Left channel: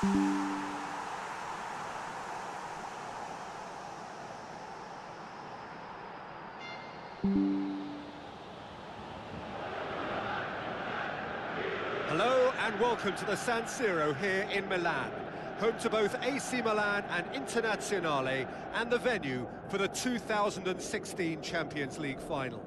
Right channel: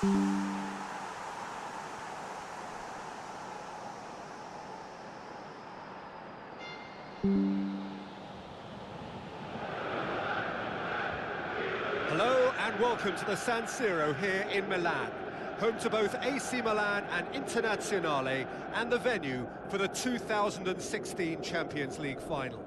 Hello and welcome to the San Siro here in Milan, home to both AC Milan and Internazionale, and the venue for the 2016 Champions League final.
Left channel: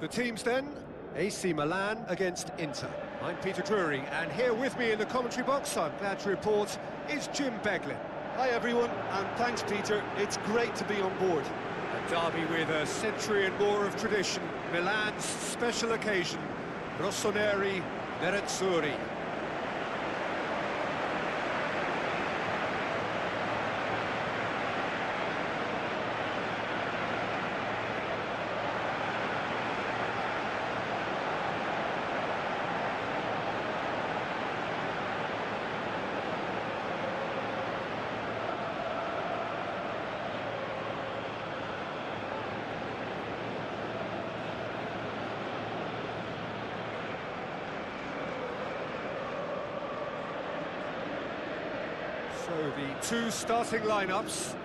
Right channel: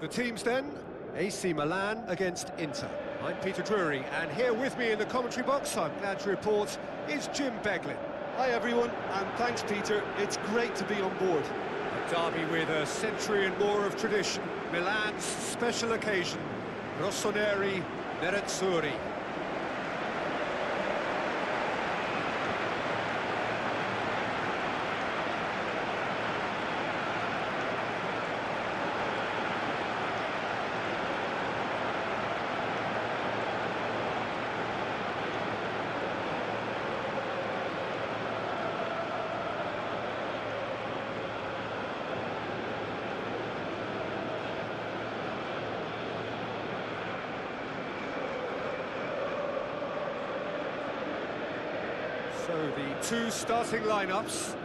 The teams then, AC Milan against Inter. I'm Peter Drury, and here with me in the commentary box, I'm glad to report, is Jim Beglin. Hi everyone, and thanks Peter, it's great to be on board. A derby with a century and more of tradition, Milan's special occasion, Rossoneri Nerazzurri. So the two starting lineups.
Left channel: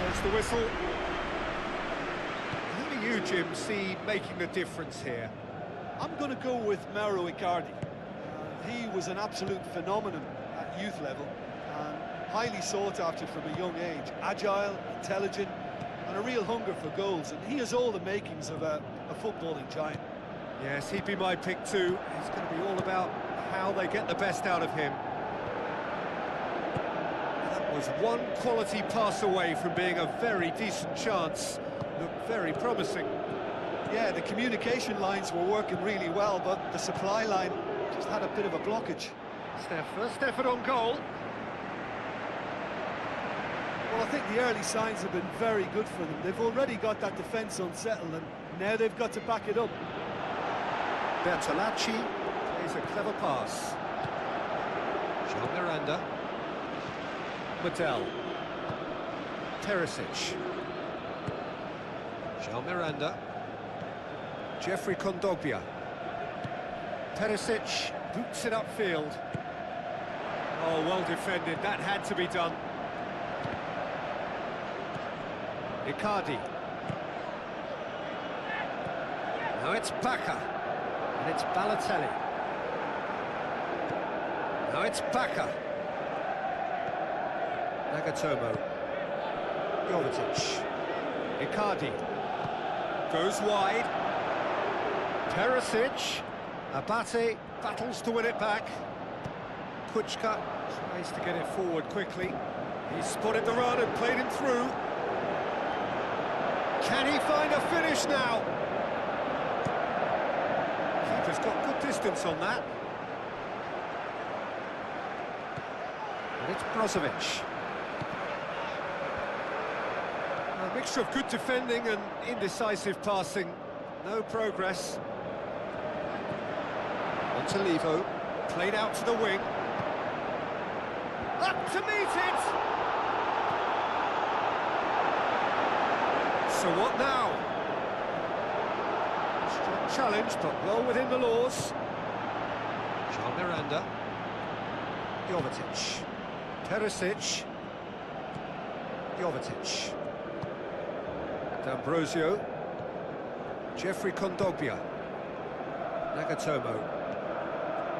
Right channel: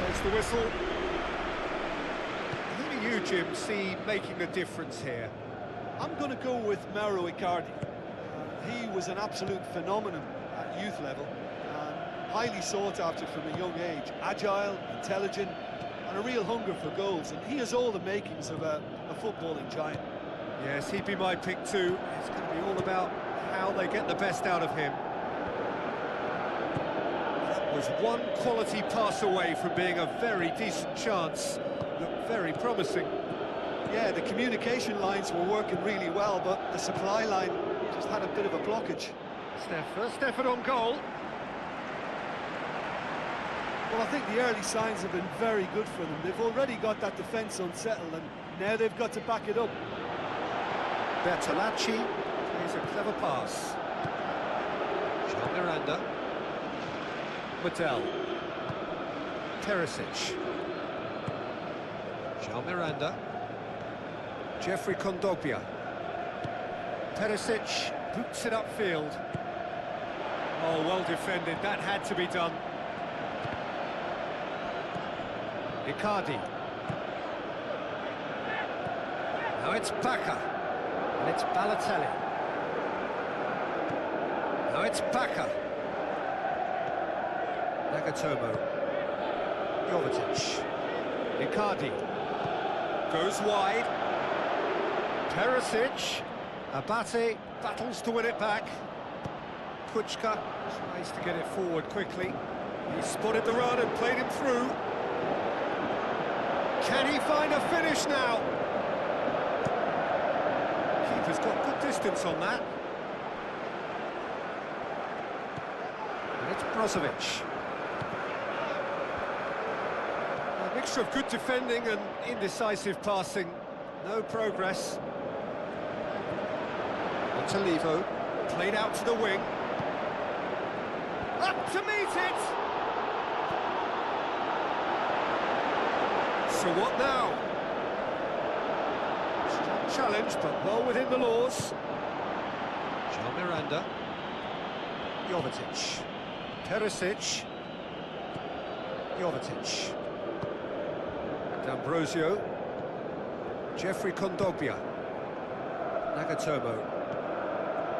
There's the whistle. Who do you, Jim, see making the difference here? I'm going to go with Mauro Icardi. He was an absolute phenomenon at youth level, and highly sought after from a young age. Agile, intelligent, and a real hunger for goals, and he has all the makings of a footballing giant. Yes, he'd be my pick too. It's going to be all about how they get the best out of him. Was one quality pass away from being a very decent chance. Looked very promising. Yeah, the communication lines were working really well, but the supply line just had a bit of a blockage. First effort on goal. Well, I think the early signs have been very good for them. They've already got that defence unsettled, and now they've got to back it up. Bertolacci plays a clever pass. Jean Miranda. Mattel. Perisic. Jean Miranda. Jeffrey Kondogbia. Perisic boots it upfield. Oh, well defended. That had to be done. Icardi. Now it's Bacca. And it's Balotelli. Now it's Bacca. Nagatomo, Jovetic, Icardi, goes wide, Perisic, Abate battles to win it back, Kuchka tries to get it forward quickly, he spotted the run and played him through. Can he find a finish now? Keeper's got good distance on that. And it's Brozovic. A mixture of good defending and indecisive passing. No progress. On to Levo. Played out to the wing. Up to meet it! So what now? Strong challenge, but well within the laws. Jean Miranda. Jovetic. Perisic. Jovetic. D'Ambrosio, Jeffrey Kondogbia, Nagatomo,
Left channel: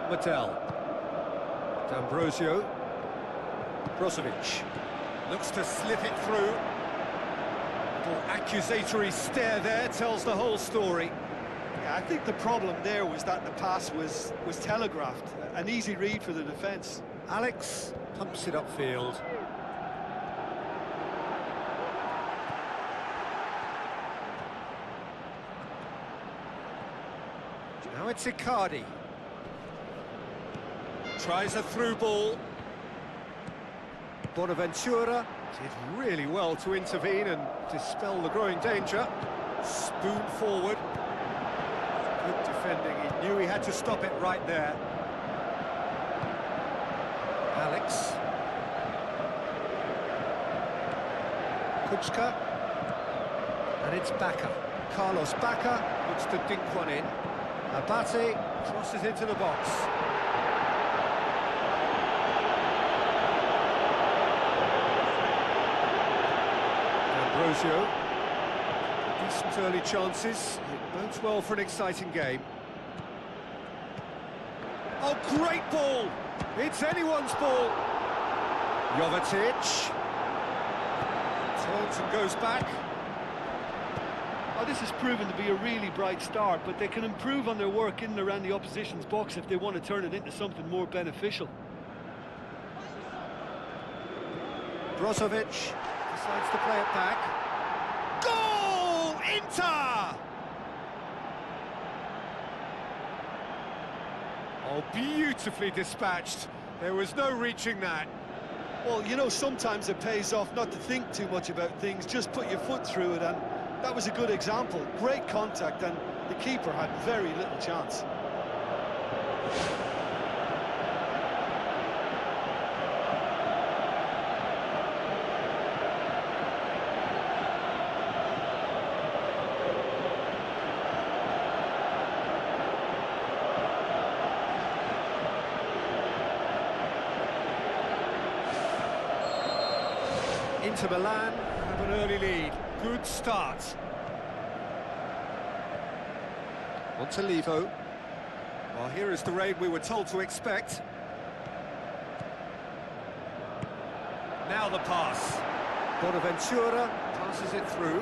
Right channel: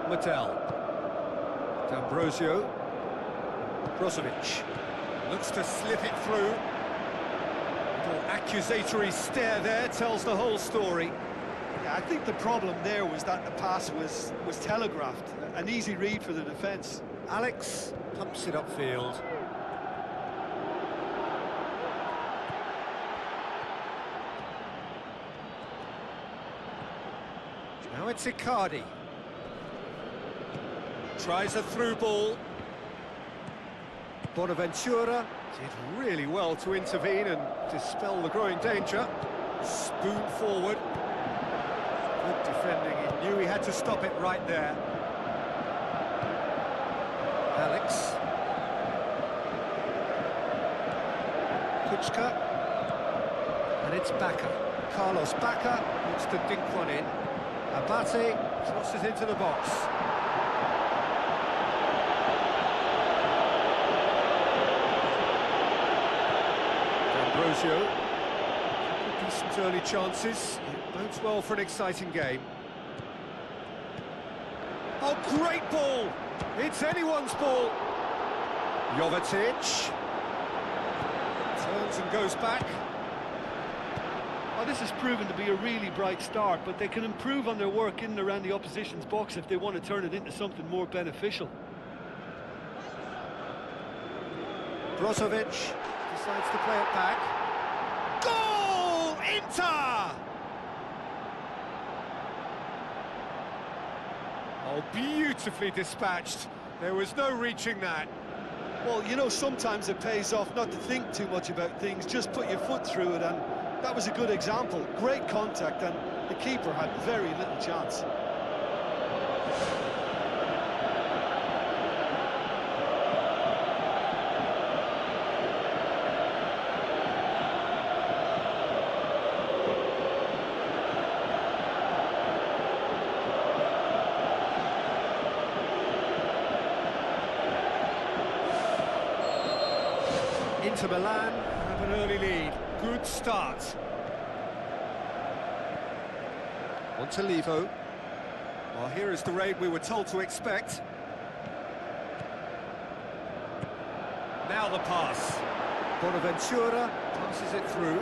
Mattel, D'Ambrosio, Brozovic, looks to slip it through. Little accusatory stare there tells the whole story. Yeah, I think the problem there was that the pass was telegraphed. An easy read for the defence. Alex pumps it upfield. Now it's Icardi. Tries a through ball. Bonaventura did really well to intervene and dispel the growing danger. Spoon forward. Good defending, he knew he had to stop it right there. Alex. Kuczka. And it's Bacca. Carlos Bacca looks to dink one in. Abate crosses into the box. Ambrosio. Decent early chances. It bodes well for an exciting game. Oh, great ball! It's anyone's ball. Jovetic. Turns and goes back. Oh, this has proven to be a really bright start, but they can improve on their work in and around the opposition's box if they want to turn it into something more beneficial. Brozovic decides to play it back. Goal! Inter! Oh, beautifully dispatched. There was no reaching that. Well, you know, sometimes it pays off not to think too much about things, just put your foot through it, and that was a good example. Great contact, and the keeper had very little chance. Inter Milan have an early lead. Good start. Montalivo. Well, here is the raid we were told to expect. Now the pass. Bonaventura passes it through.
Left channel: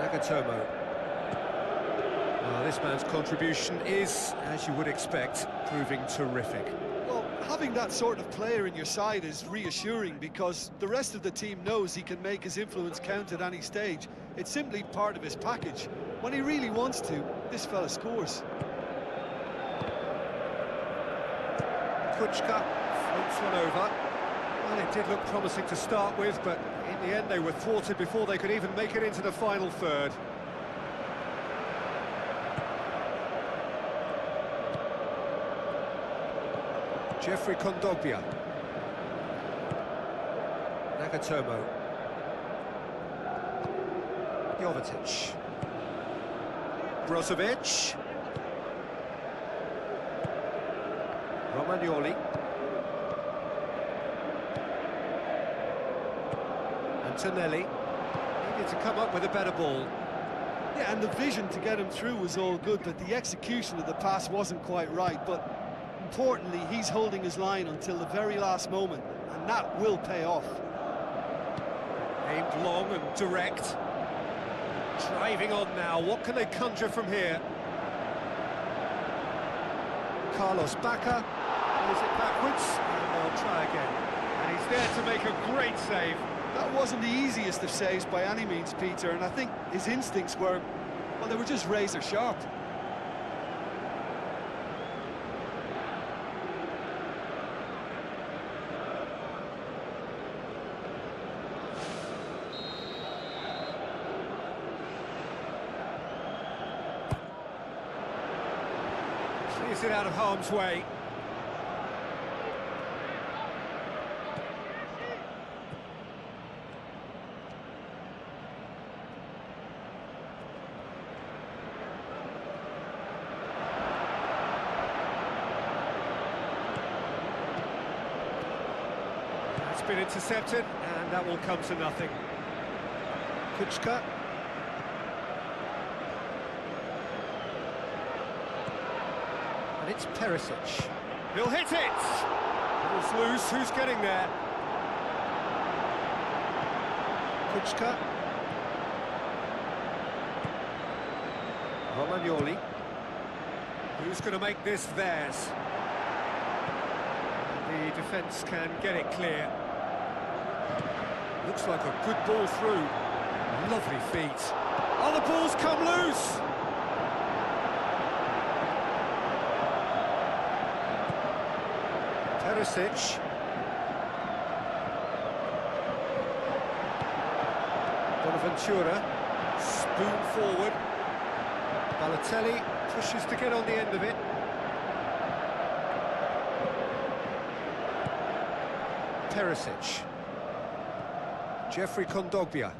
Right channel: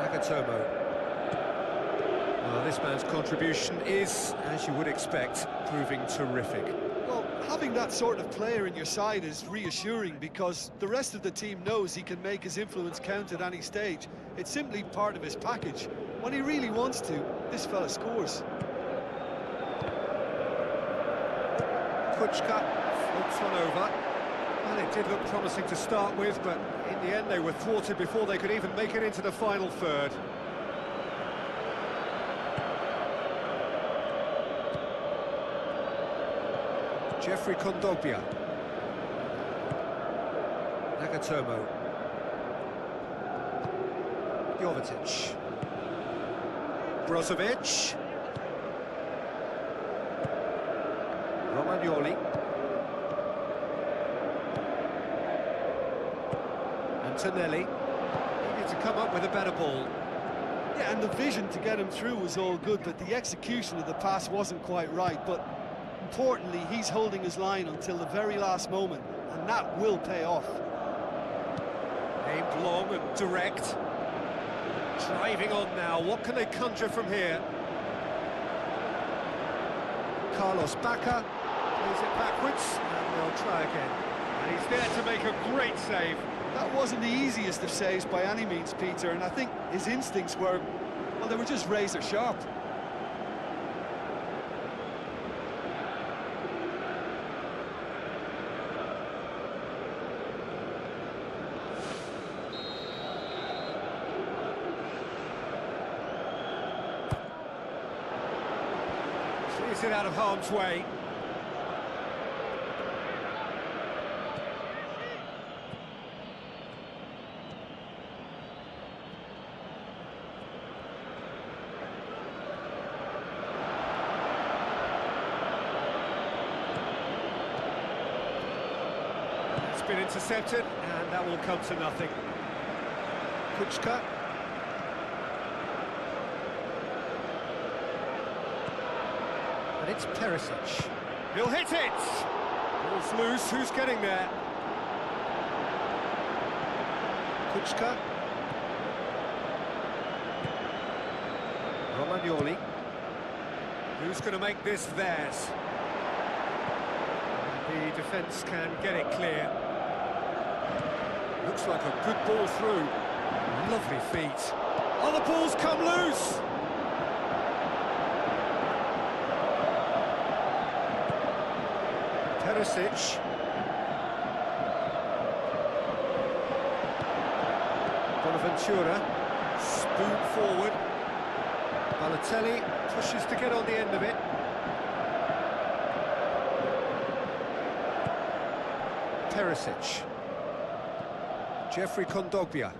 Nagatomo. Well, this man's contribution is, as you would expect, proving terrific. Well, having that sort of player in your side is reassuring because the rest of the team knows he can make his influence count at any stage. It's simply part of his package. When he really wants to, this fella scores. Kuczka floats one over. Well, it did look promising to start with, but in the end they were thwarted before they could even make it into the final third. Jeffrey Kondogbia. Nagatomo. Jovetic. Brozovic. Romagnoli. Antonelli. Needed to come up with a better ball. Yeah, and the vision to get him through was all good, but the execution of the pass wasn't quite right. But importantly, he's holding his line until the very last moment, and that will pay off. Aimed long and direct. Driving on now, what can they conjure from here? Carlos Bacca plays it backwards, and they'll try again. And he's there to make a great save. That wasn't the easiest of saves by any means, Peter, and I think his instincts were, well, they were just razor sharp. Clears it out of harm's way. That's been intercepted, and that will come to nothing. Kuczka. And it's Perisic. He'll hit it! Ball's loose, who's getting there? Kuczka. Romagnoli. Who's going to make this theirs? The defence can get it clear. Looks like a good ball through. Lovely feet. Oh, the ball's come loose! Perisic. Bonaventura. Spoon forward. Balotelli pushes to get on the end of it. Perisic. Jeffrey Kondogbia.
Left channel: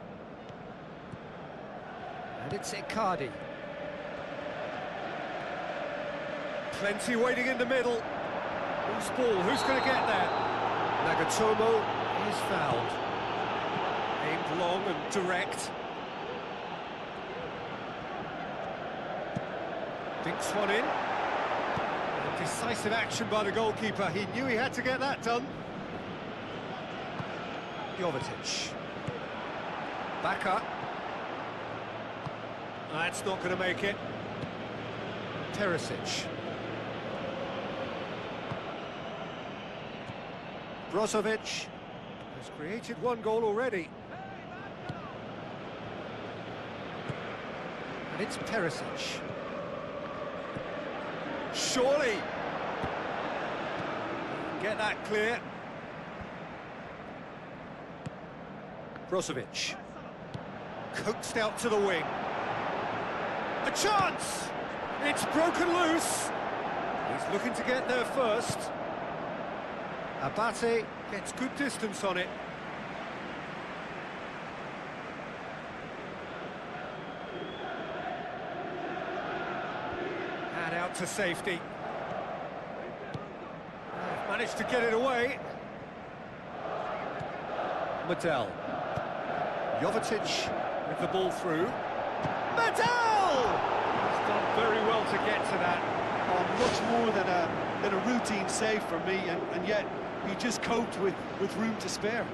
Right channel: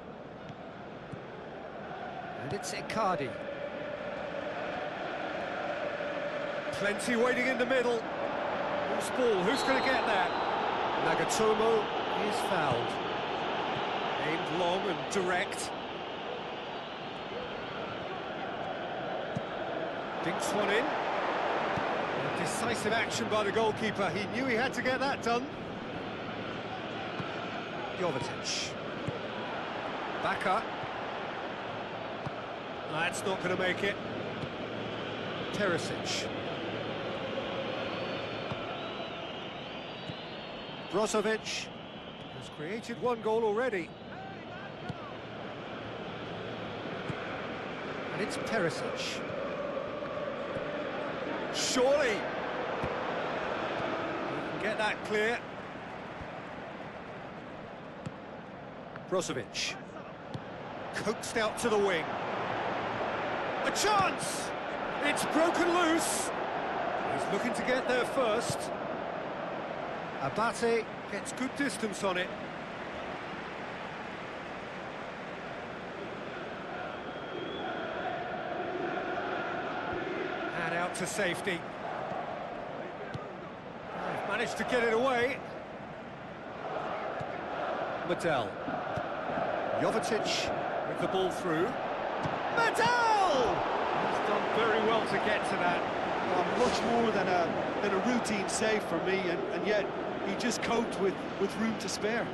And it's Icardi. Plenty waiting in the middle. Who's ball? Who's going to get there? Nagatomo is fouled. Aimed long and direct. Dinks one in. And decisive action by the goalkeeper. He knew he had to get that done. Jovetic. Backer. That's not going to make it. Perisic. Brozovic has created one goal already. And it's Perisic. Surely! He can get that clear. Brozovic. Coaxed out to the wing. A chance! It's broken loose. He's looking to get there first. Abate gets good distance on it. And out to safety. They've managed to get it away. Medel. Jovetic with the ball through. Medel! He's done very well to get to that. Oh, much more than a routine save for me, and yet he just coped with room to spare.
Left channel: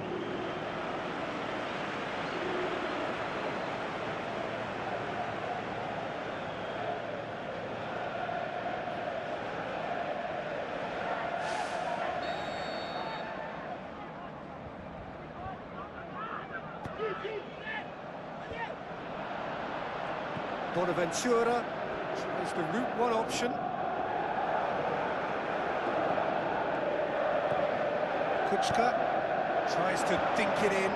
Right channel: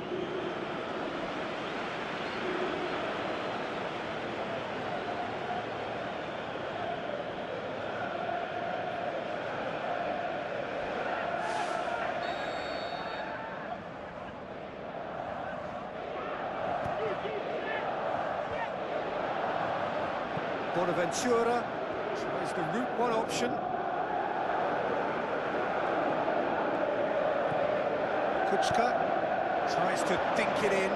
Bonaventura tries the route one option. Kuczka tries to dink it in.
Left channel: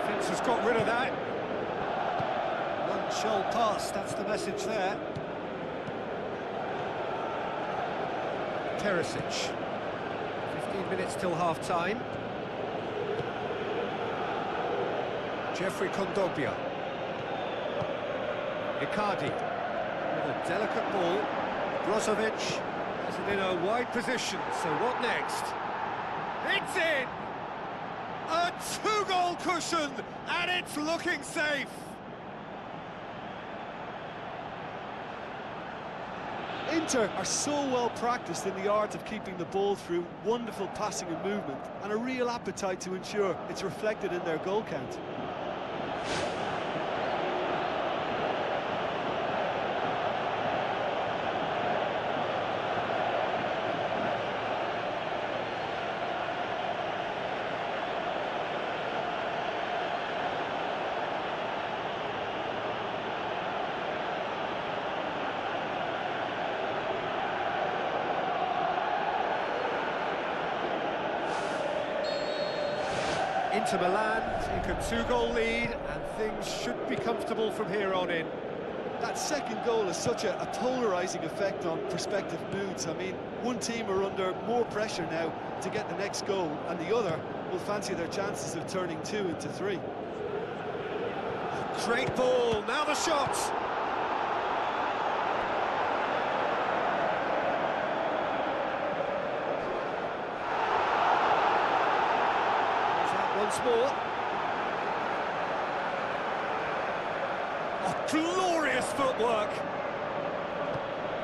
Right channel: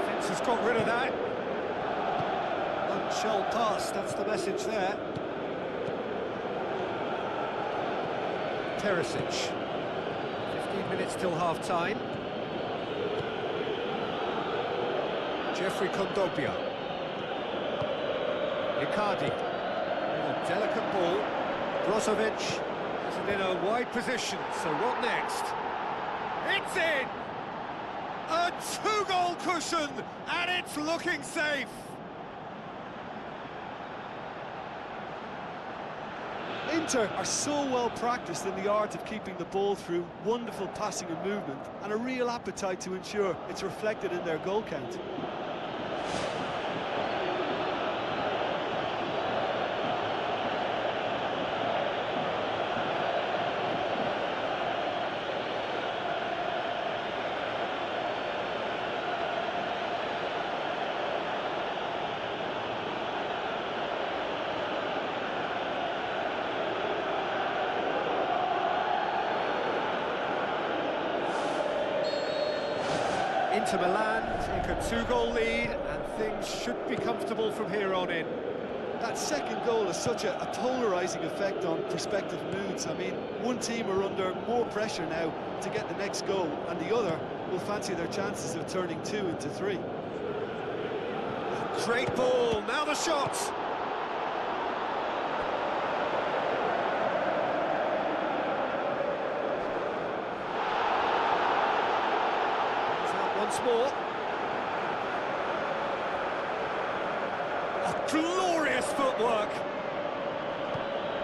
Defence has got rid of that. None shall pass, that's the message there. Perisic. 15 minutes till half-time. Jeffrey Kondogbia. Icardi with a delicate ball. Brozovic has it in a wide position, so what next? It's in! A two-goal cushion, and it's looking safe! Inter are so well practiced in the art of keeping the ball through, wonderful passing and movement, and a real appetite to ensure it's reflected in their goal count. Inter Milan take a two-goal lead, and things should be comfortable from here on in. That second goal has such a polarising effect on prospective moods. I mean, one team are under more pressure now to get the next goal, and the other will fancy their chances of turning 2 into 3. Great ball, now the shot! Once more. Oh, glorious footwork!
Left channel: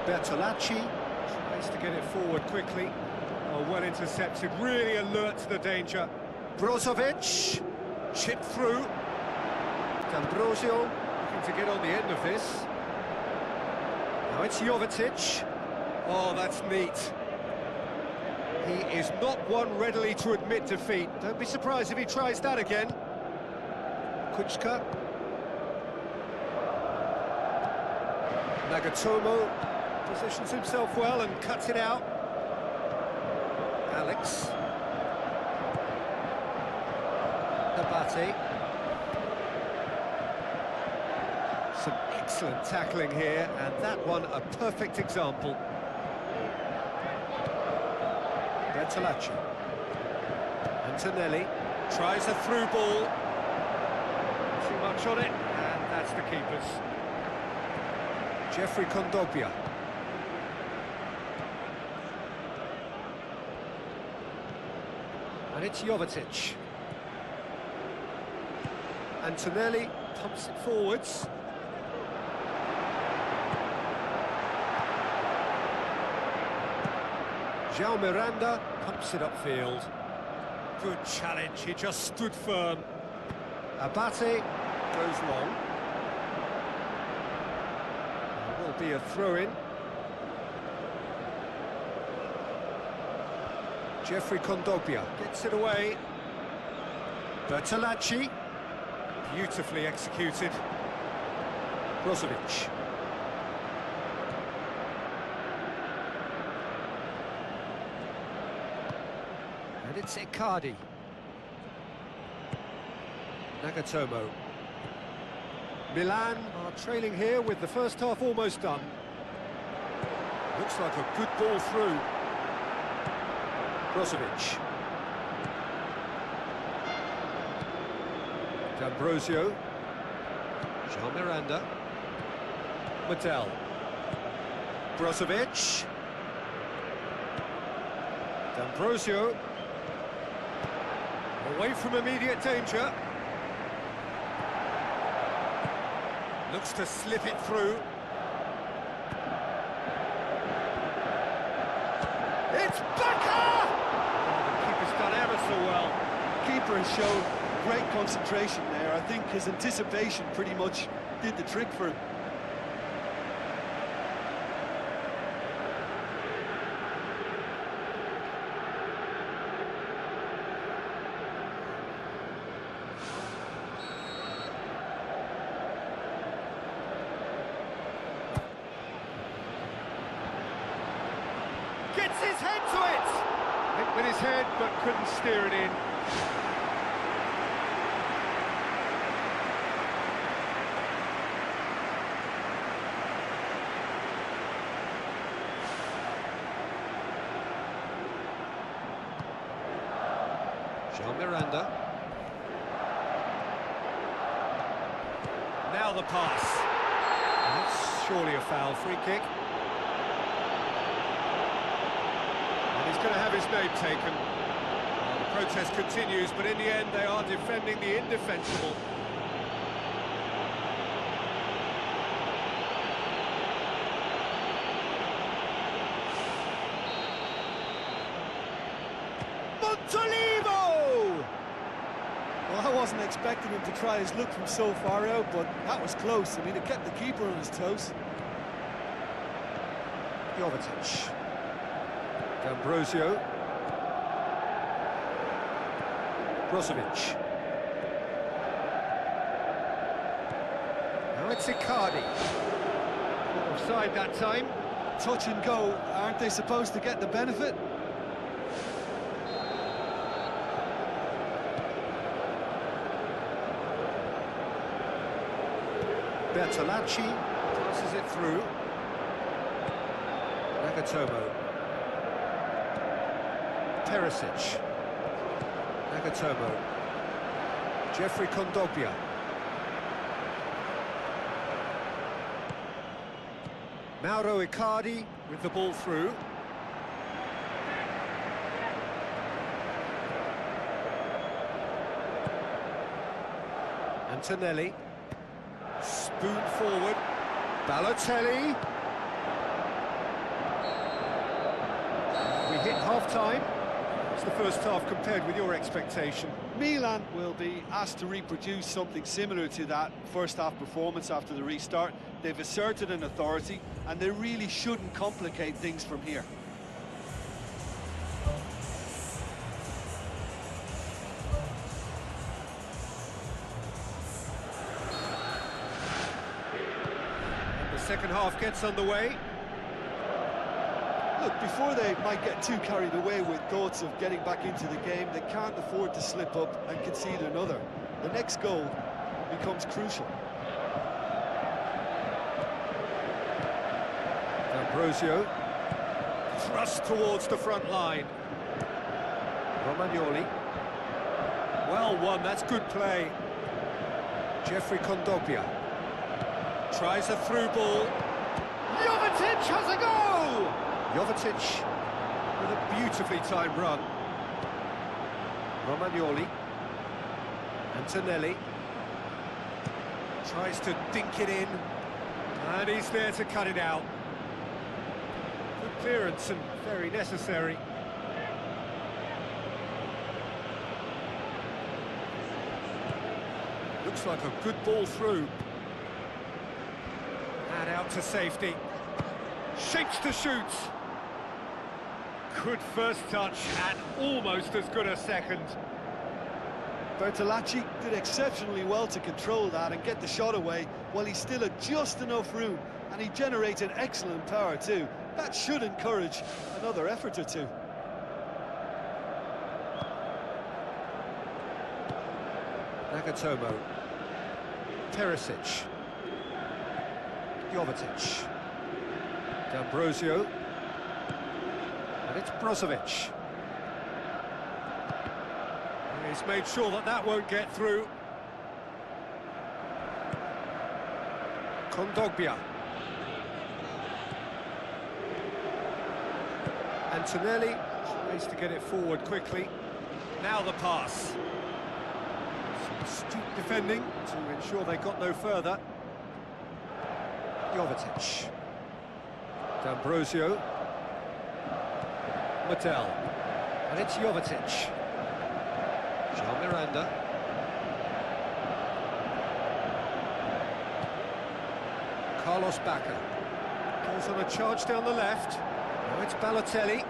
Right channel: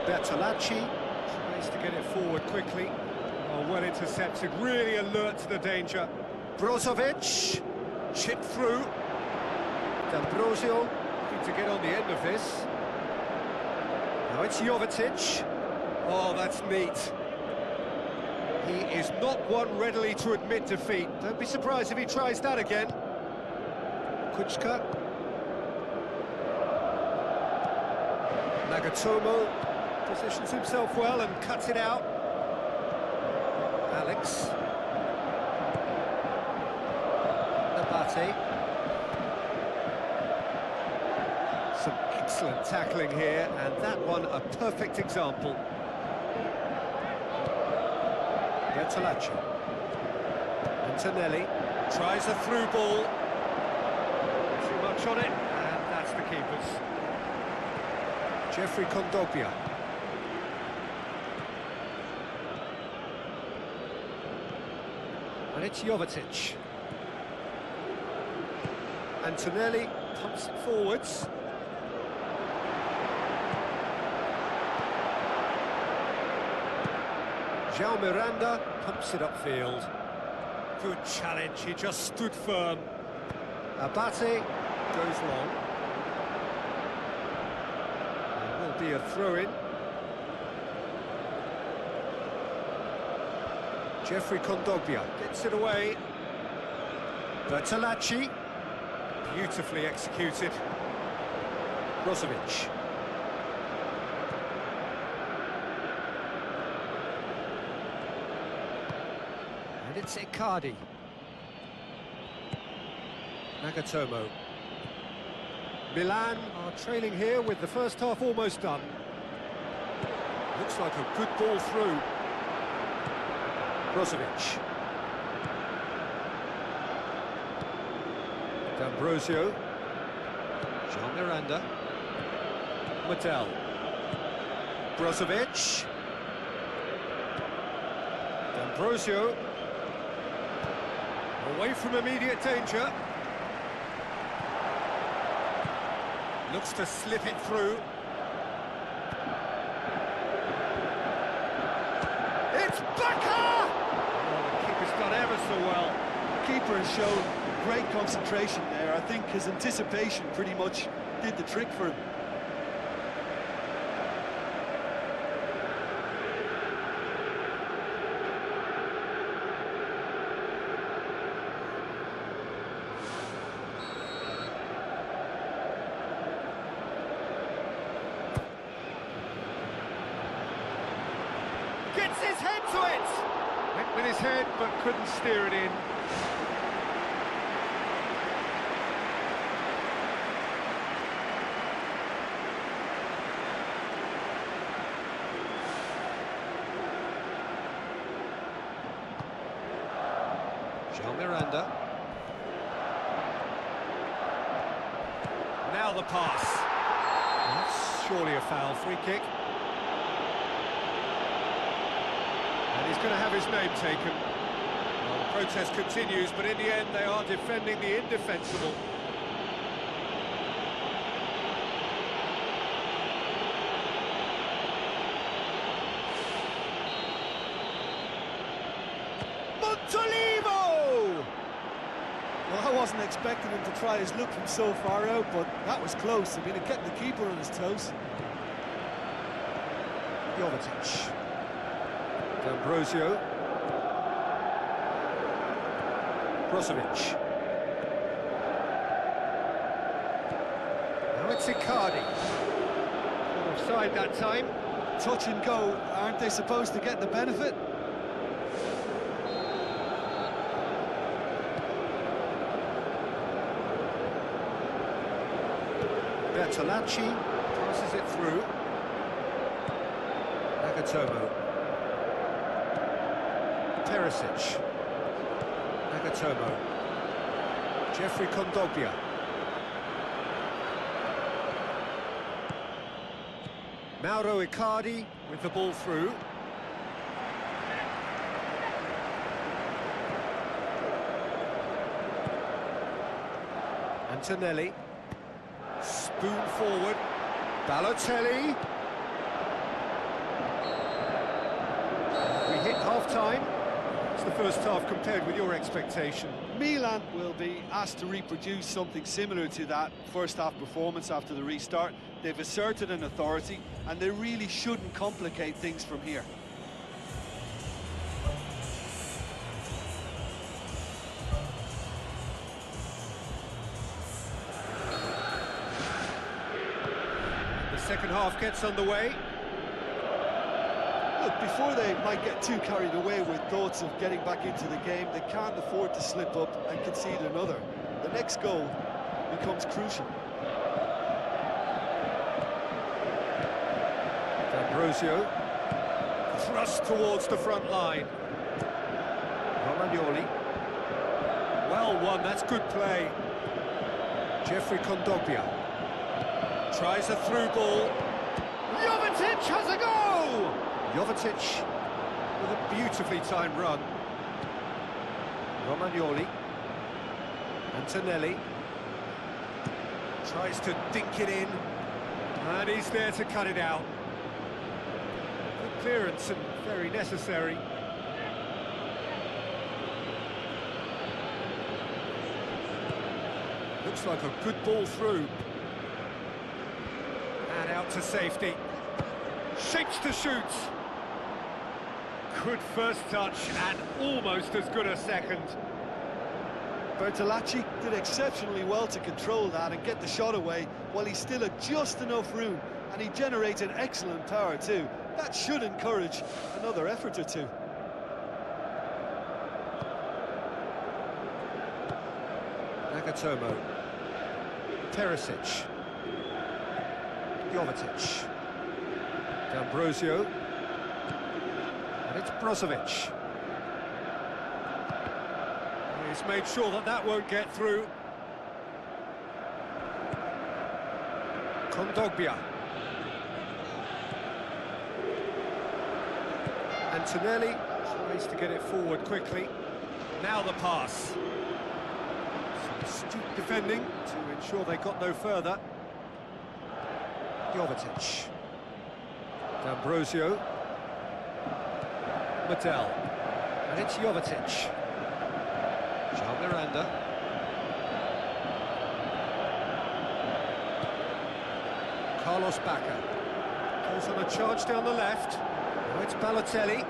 Bertolacci tries to get it forward quickly. Oh, well intercepted, really alert to the danger. Brozovic Chip through. D'Ambrosio looking to get on the end of this. Now it's Jovetic. Oh, that's neat. He is not one readily to admit defeat. Don't be surprised if he tries that again. Kuchka. Nagatomo positions himself well and cuts it out. Alex. Nabate. Some excellent tackling here, and that one a perfect example. Bertolacci. Antonelli tries a through ball. Too much on it, and that's the keeper's. Jeffrey Kondogbia. And it's Jovetic. Antonelli pumps it forwards. João Miranda pumps it upfield. Good challenge, he just stood firm. Abate goes long. There will be a throw-in. Jeffrey Kondogbia gets it away. Bertolacci, beautifully executed. Brozovic. And it's Icardi. Nagatomo. Milan are trailing here with the first half almost done. Looks like a good ball through. Brozovic. D'Ambrosio. João Miranda. Mattel. Brozovic. D'Ambrosio. Away from immediate danger. Looks to slip it through. It's Baka! Oh, the keeper's done ever so well. Keeper has shown great concentration there. I think his anticipation pretty much did the trick for him. Gets his head to it! Went with his head, but couldn't steer it in. João Miranda. Now the pass. That's surely a foul. Free kick. And he's going to have his name taken. Well, the protest continues, but in the end they are defending the indefensible. Montolivo! Well, I wasn't expecting him to try his luck from so far out, but that was close. I mean, it kept the keeper on his toes. Jovetic. D'Ambrosio. Brozovic. Now it's Icardi. Caught offside that time. Touch and go, aren't they supposed to get the benefit? Bertolacci passes it through. Nagatomo. Perisic. Nagatomo. Jeffrey Kondogbia. Mauro Icardi with the ball through. Antonelli. Spoon forward. Balotelli. We hit half-time. It's the first half compared with your expectation. Milan will be asked to reproduce something similar to that first half performance after the restart. They've asserted an authority, and they really shouldn't complicate things from here. And the second half gets underway. Look, before they might get too carried away with thoughts of getting back into the game, they can't afford to slip up and concede another. The next goal becomes crucial. D'Ambrosio, thrust towards the front line. Romagnoli. Well won, that's good play. Jeffrey Kondogbia. Tries a through ball. Jovetic has a go! Jovetic with a beautifully timed run. Romagnoli. Antonelli. Tries to dink it in. And he's there to cut it out. Good clearance and very necessary. Looks like a good ball through. And out to safety. Shapes to shoot. Good first touch and almost as good a second. Bertolacci did exceptionally well to control that and get the shot away while he still had just enough room, and he generated excellent power too. That should encourage another effort or two. Nagatomo. Perisic. Jovetic. D'Ambrosio. And it's Brozovic. He's made sure that that won't get through. Kondogbia. Antonelli tries to get it forward quickly. Now the pass. Some astute defending to ensure they got no further. Jovetic. D'Ambrosio. Mattel. And it's Jovetic. Jean Miranda. Carlos Bacca. Goes on a charge down the left. Now it's Balotelli.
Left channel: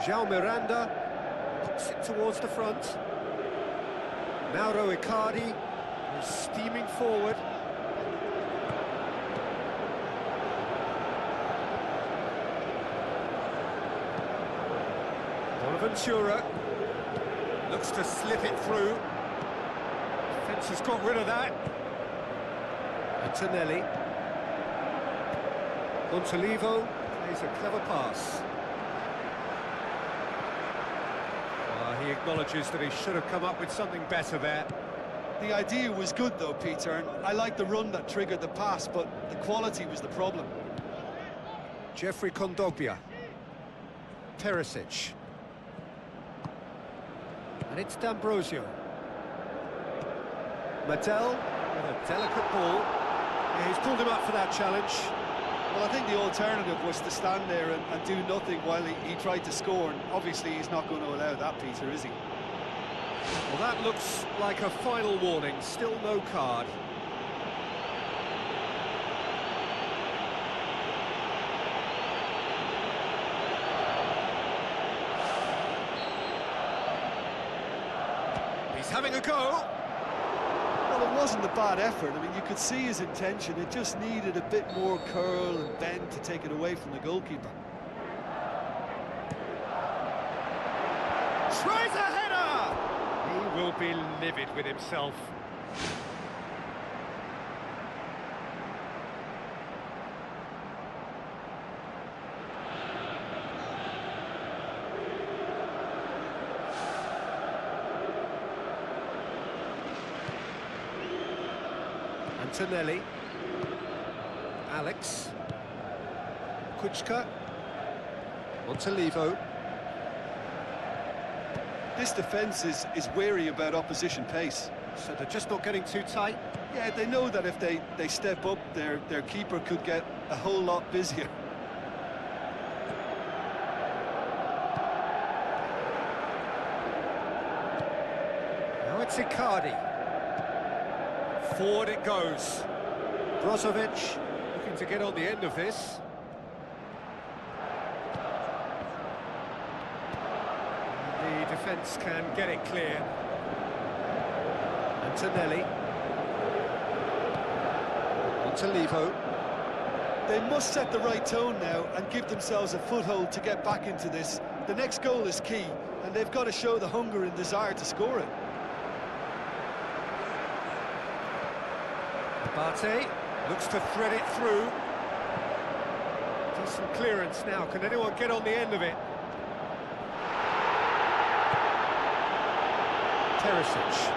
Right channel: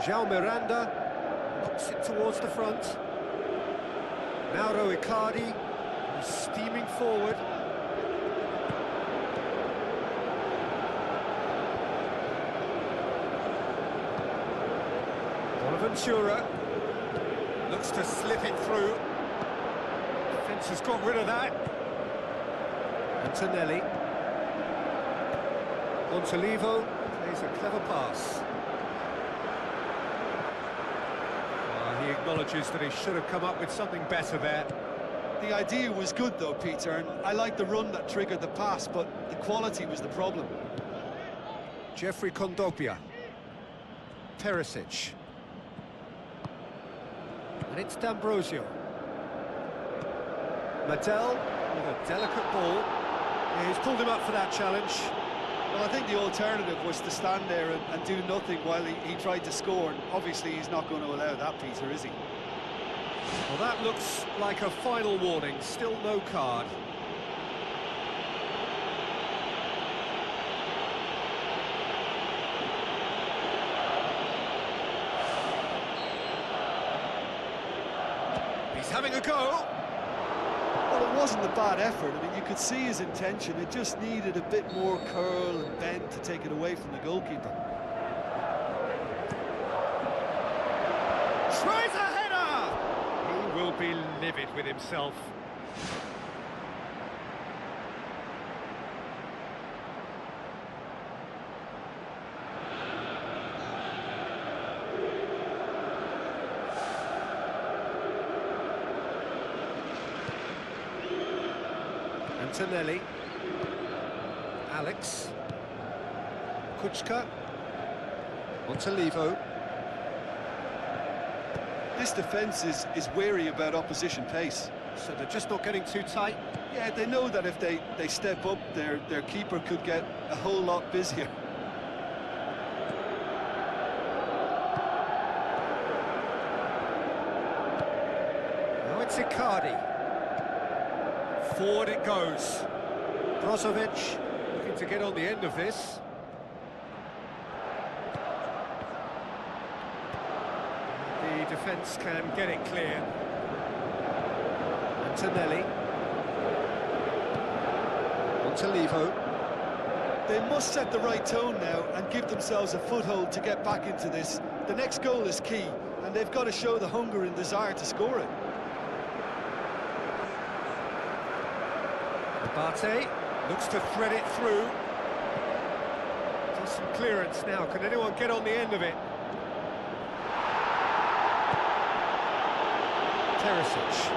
João Miranda knocks it towards the front. Mauro Icardi is steaming forward. Bonaventura looks to slip it through. Defence has got rid of that. Antonelli. Montolivo plays a clever pass. He acknowledges that he should have come up with something better there. The idea was good though, Peter, and I like the run that triggered the pass, but the quality was the problem. Jeffrey Kondogbia. Perisic. And it's D'Ambrosio. Mattel with a delicate ball. Yeah, he's pulled him up for that challenge. Well, I think the alternative was to stand there and do nothing while he tried to score, and obviously he's not going to allow that, Peter, is he? Well, that looks like a final warning, still no card. He's having a go. Well, it wasn't a bad effort. I mean, you could see his intention. It just needed a bit more curl and bend to take it away from the goalkeeper. Tries a header! He will be livid with himself. Antonelli. Alex. Kuchka. Montolivo. This defence is wary about opposition pace. So they're just not getting too tight? Yeah, they know that if they step up, their keeper could get a whole lot busier. it's Icardi. Forward it goes. Brozovic looking to get on the end of this. And the defence can get it clear. Antonelli. Montalivo. They must set the right tone now and give themselves a foothold to get back into this. The next goal is key, and they've got to show the hunger and desire to score it. Abate looks to thread it through. Decent clearance now. Can anyone get on the end of it? Teresic.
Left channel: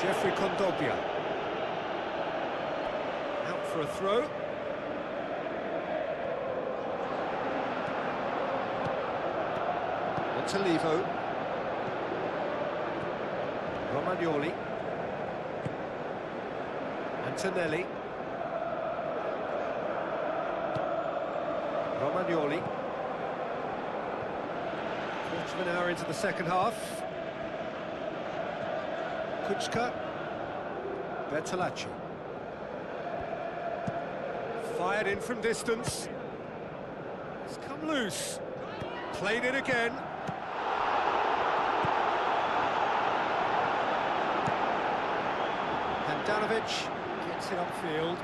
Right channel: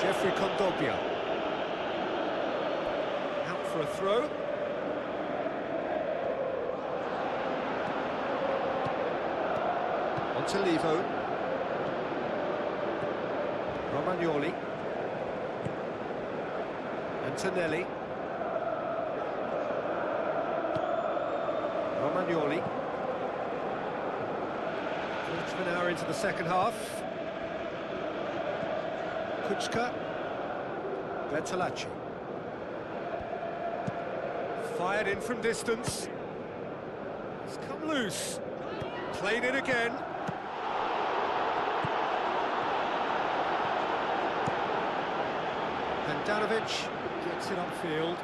Jeffrey Kondogbia. Out for a throw. Montalivo. Romagnoli. Antonelli. Romagnoli. Quarter of an hour into the second half. Kuczka. Bertolacci. Fired in from distance. It's come loose. Played it again. Handanovic gets it upfield.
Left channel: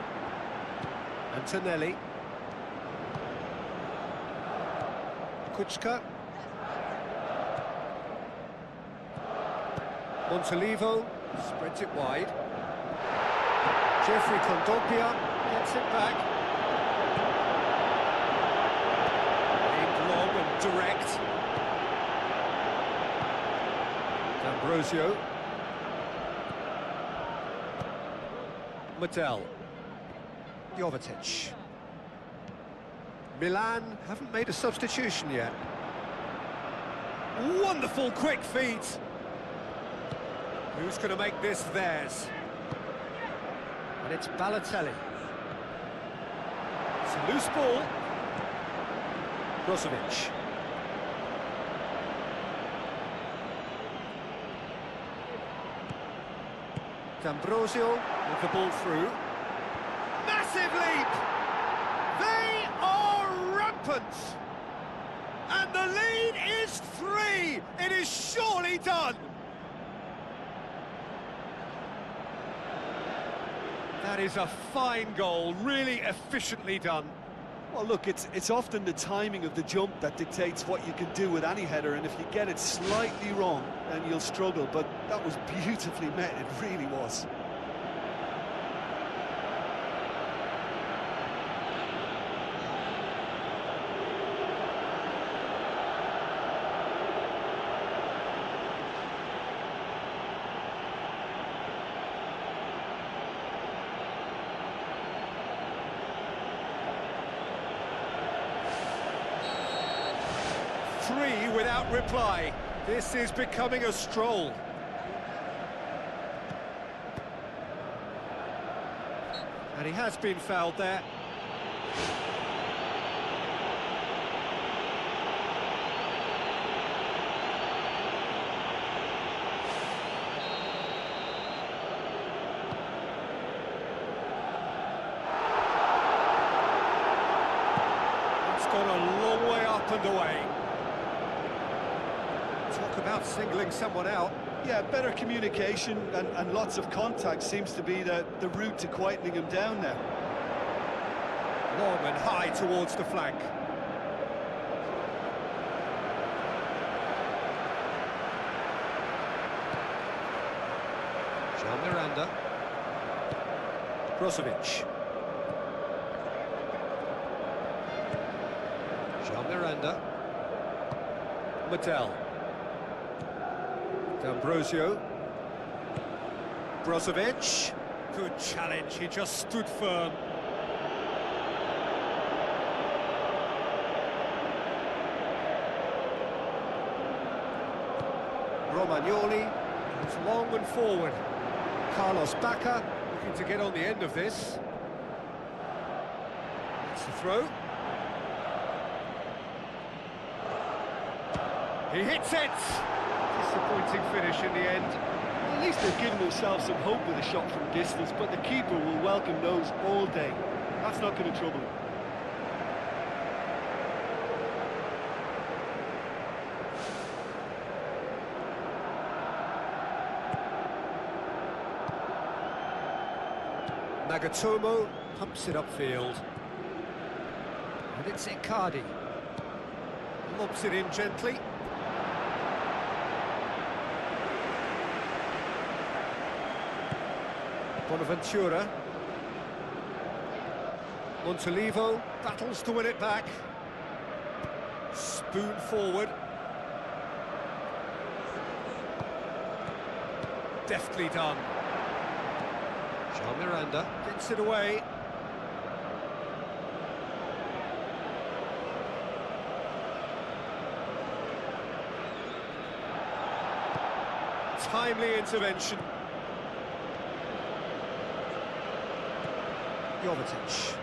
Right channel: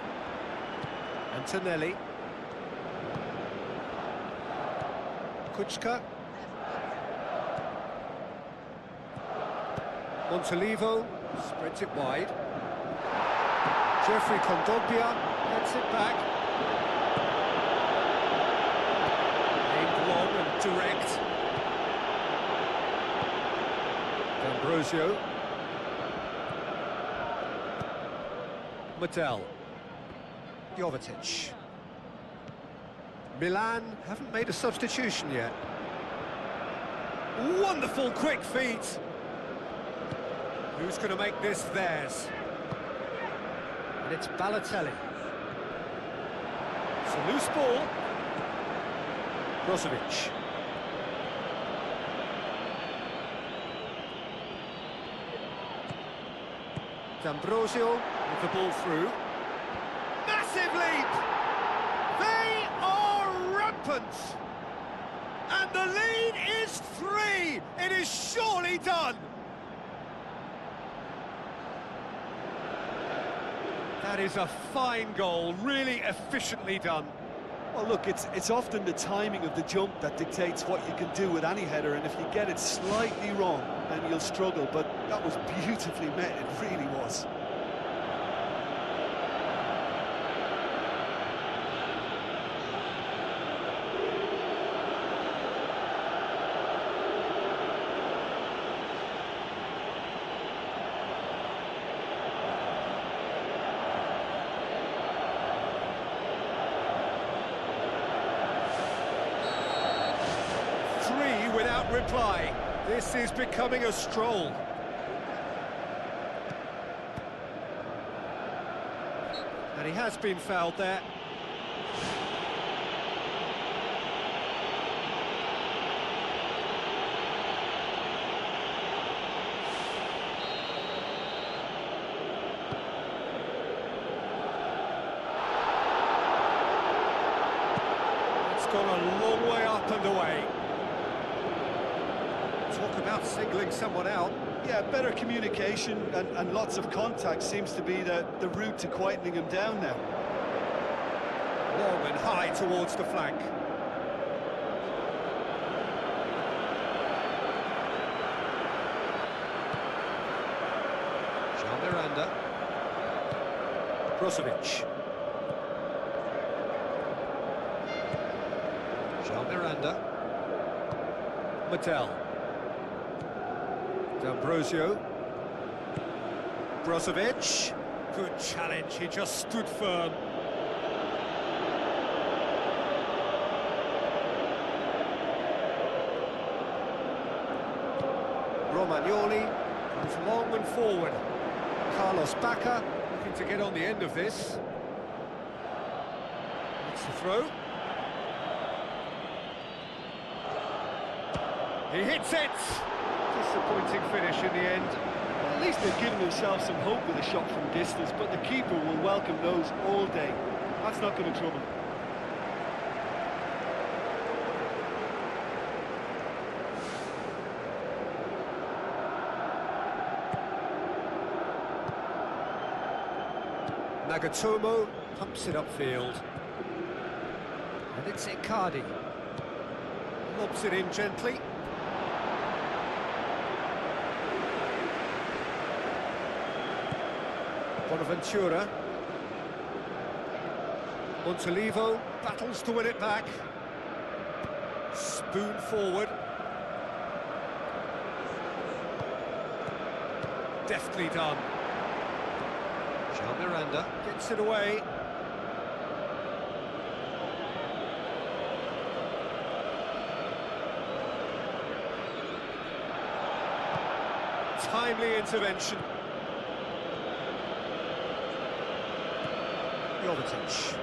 Antonelli. Kuczka. Montalivo spreads it wide. Jeffrey Kondogbia gets it back. Aimed long and direct. D'Ambrosio. Mattel. Jovetic. Milan haven't made a substitution yet. Wonderful quick feet. Who's going to make this theirs? And it's Balotelli. It's a loose ball. Brozovic. D'Ambrosio with the ball through. Massive leap! They are rampant! And the lead is 3! It is surely done! That is a fine goal, really efficiently done. Well, look, it's often the timing of the jump that dictates what you can do with any header, and if you get it slightly wrong, then you'll struggle, but that was beautifully met, it really was. Three without reply. This is becoming a stroll. And he has been fouled there. That's gone a long way up and away. Talk about singling someone out. Yeah, better communication and lots of contact seems to be the route to quietening him down now. Long and high towards the flank. Jean Miranda. Brozovic. Jean Miranda. Mattel. D'Ambrosio. Brozovic. Good challenge, he just stood firm. Romagnoli goes long and forward. Carlos Bacca looking to get on the end of this. It's the throw. He hits it! Disappointing finish in the end. Well, at least they've given themselves some hope with a shot from distance, but the keeper will welcome those all day. That's not going to trouble him. Nagatomo pumps it upfield. And it's Icardi. Lobs it in gently. Bonaventura. Montolivo battles to win it back. Spoon forward. Deftly done. Jean Miranda gets it away. Timely intervention. Jovetic.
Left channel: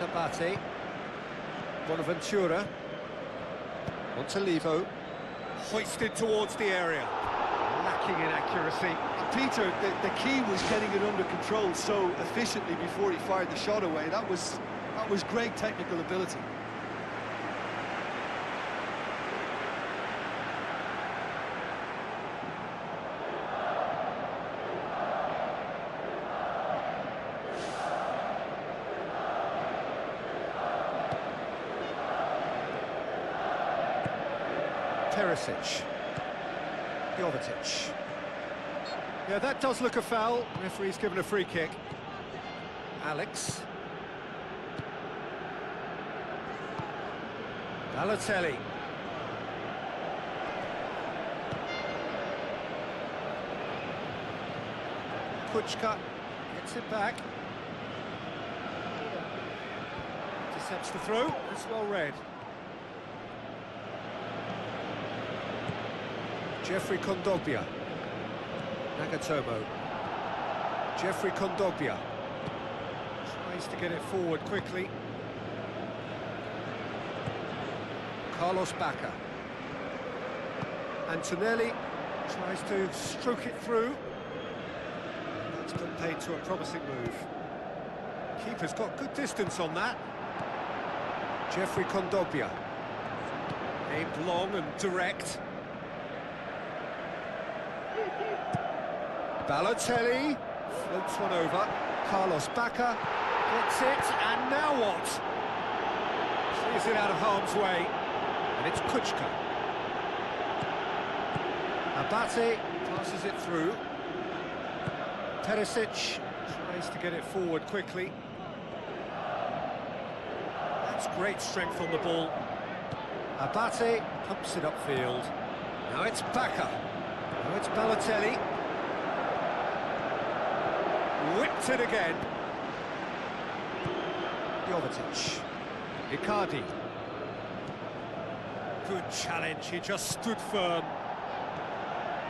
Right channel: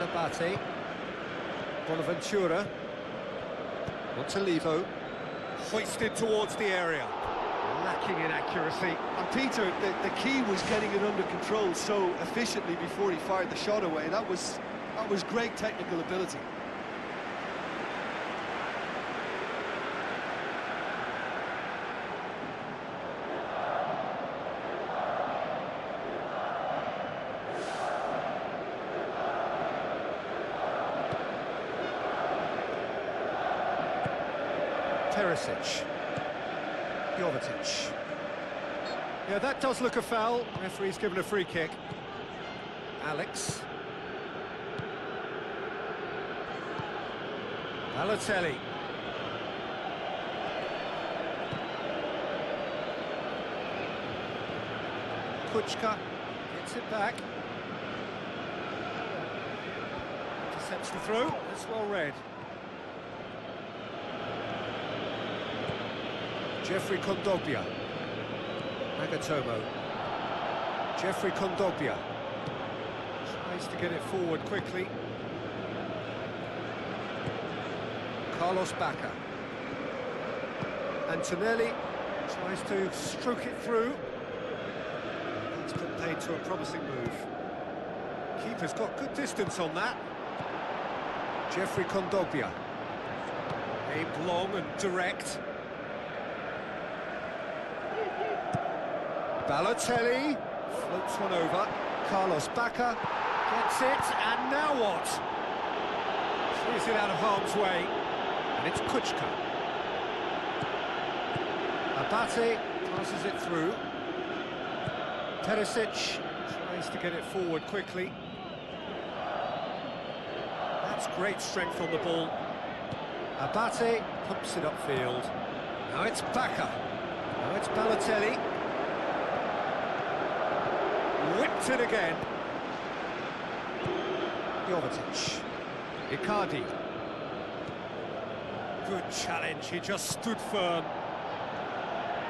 Nabate. Bonaventura. Montolivo. Hoisted towards the area. Lacking in accuracy. And Peter, the key was getting it under control so efficiently before he fired the shot away. That was great technical ability. Perisic. Jovetic. Yeah, that does look a foul. Referee's given a free kick. Alex. Balotelli. Kuchka gets it back. Intercepts the throw. That's well read. Jeffrey Kondogbia. Nagatomo. Jeffrey Kondogbia. Tries to get it forward quickly. Carlos Bacca. Antonelli tries to stroke it through. That's been paid to a promising move. Keeper's got good distance on that. Jeffrey Kondogbia. Aimed long and direct. Balotelli floats one over. Carlos Bacca gets it, and now what? Clears it out of harm's way, and it's Kuchka. Abate passes it through. Perisic tries to get it forward quickly. That's great strength on the ball. Abate pumps it upfield. Now it's Bacca. Now it's Balotelli. Whipped it again. Jovetic. Icardi. Good challenge, he just stood firm.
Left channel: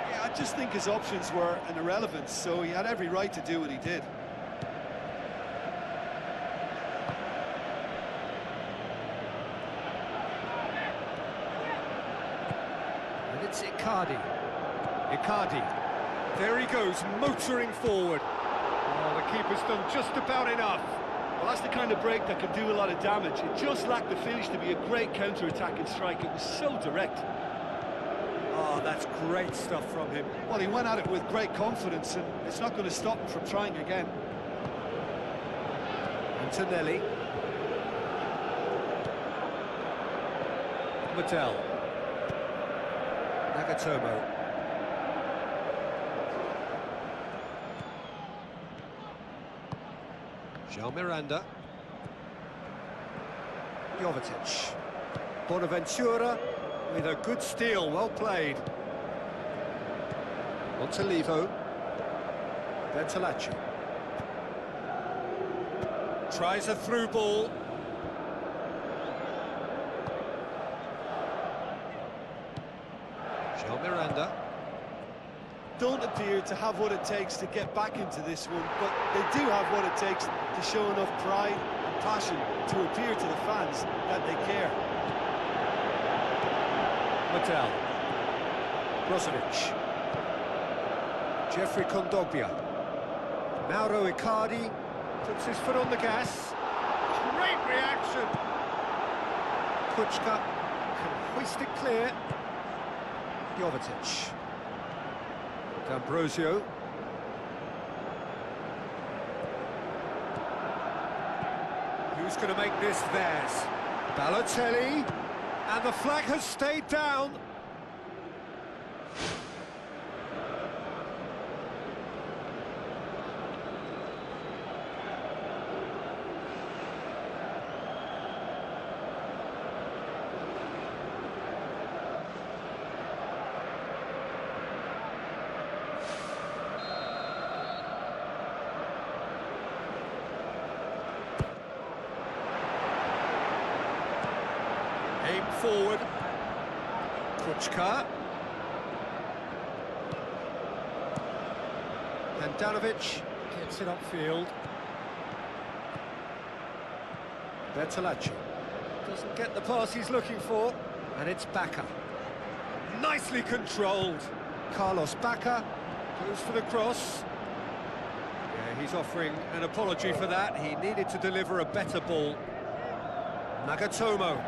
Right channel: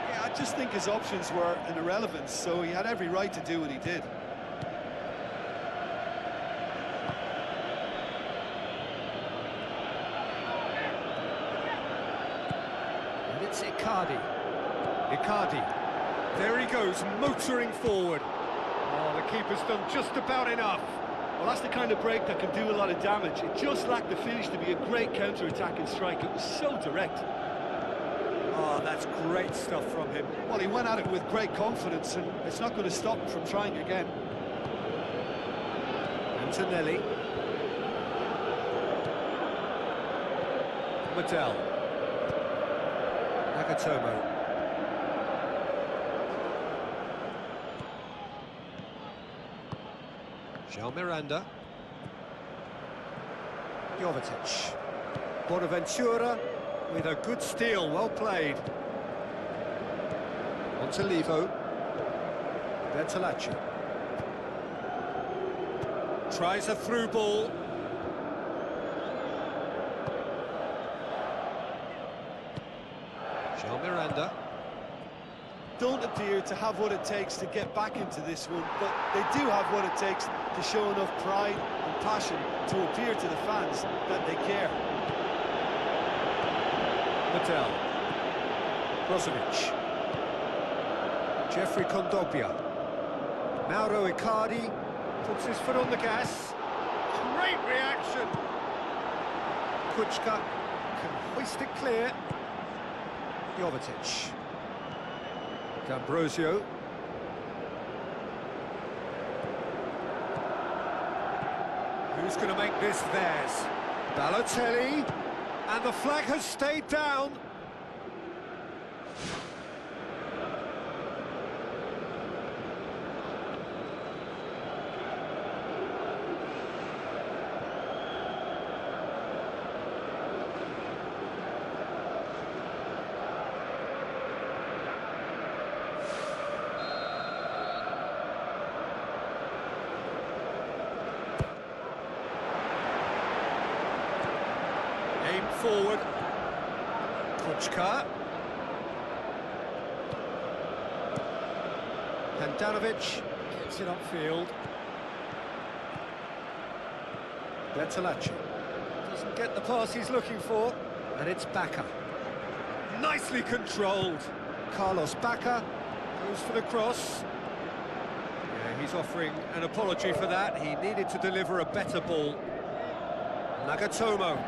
Yeah, I just think his options were an irrelevance, so he had every right to do what he did. And it's Icardi. Icardi. There he goes, motoring forward. Oh, the keeper's done just about enough. Well, that's the kind of break that can do a lot of damage. It just lacked the finish to be a great counter-attacking strike. It was so direct. Oh, that's great stuff from him. Well, he went at it with great confidence, and it's not going to stop him from trying again. Antonelli. Mattel. Nagatomo. Jean Miranda. Jovetic. Bonaventura with a good steal, well played. Montolivo. Bertolacci. Tries a through ball. Jean Miranda. don't appear to have what it takes to get back into this one, but they do have what it takes to show enough pride and passion to appear to the fans that they care. Mattel. Brozovic. Jeffrey Kondogbia. Mauro Icardi puts his foot on the gas. Great reaction. Kuchka can hoist it clear. Jovetic. D'Ambrosio. Who's going to make this theirs? Balotelli. And the flag has stayed down. Aim forward. Kuchka. Handanovic gets it upfield. Bertolacci doesn't get the pass he's looking for, and it's Bacca. Nicely controlled. Carlos Bacca goes for the cross. Yeah, he's offering an apology for that. He needed to deliver a better ball. Nagatomo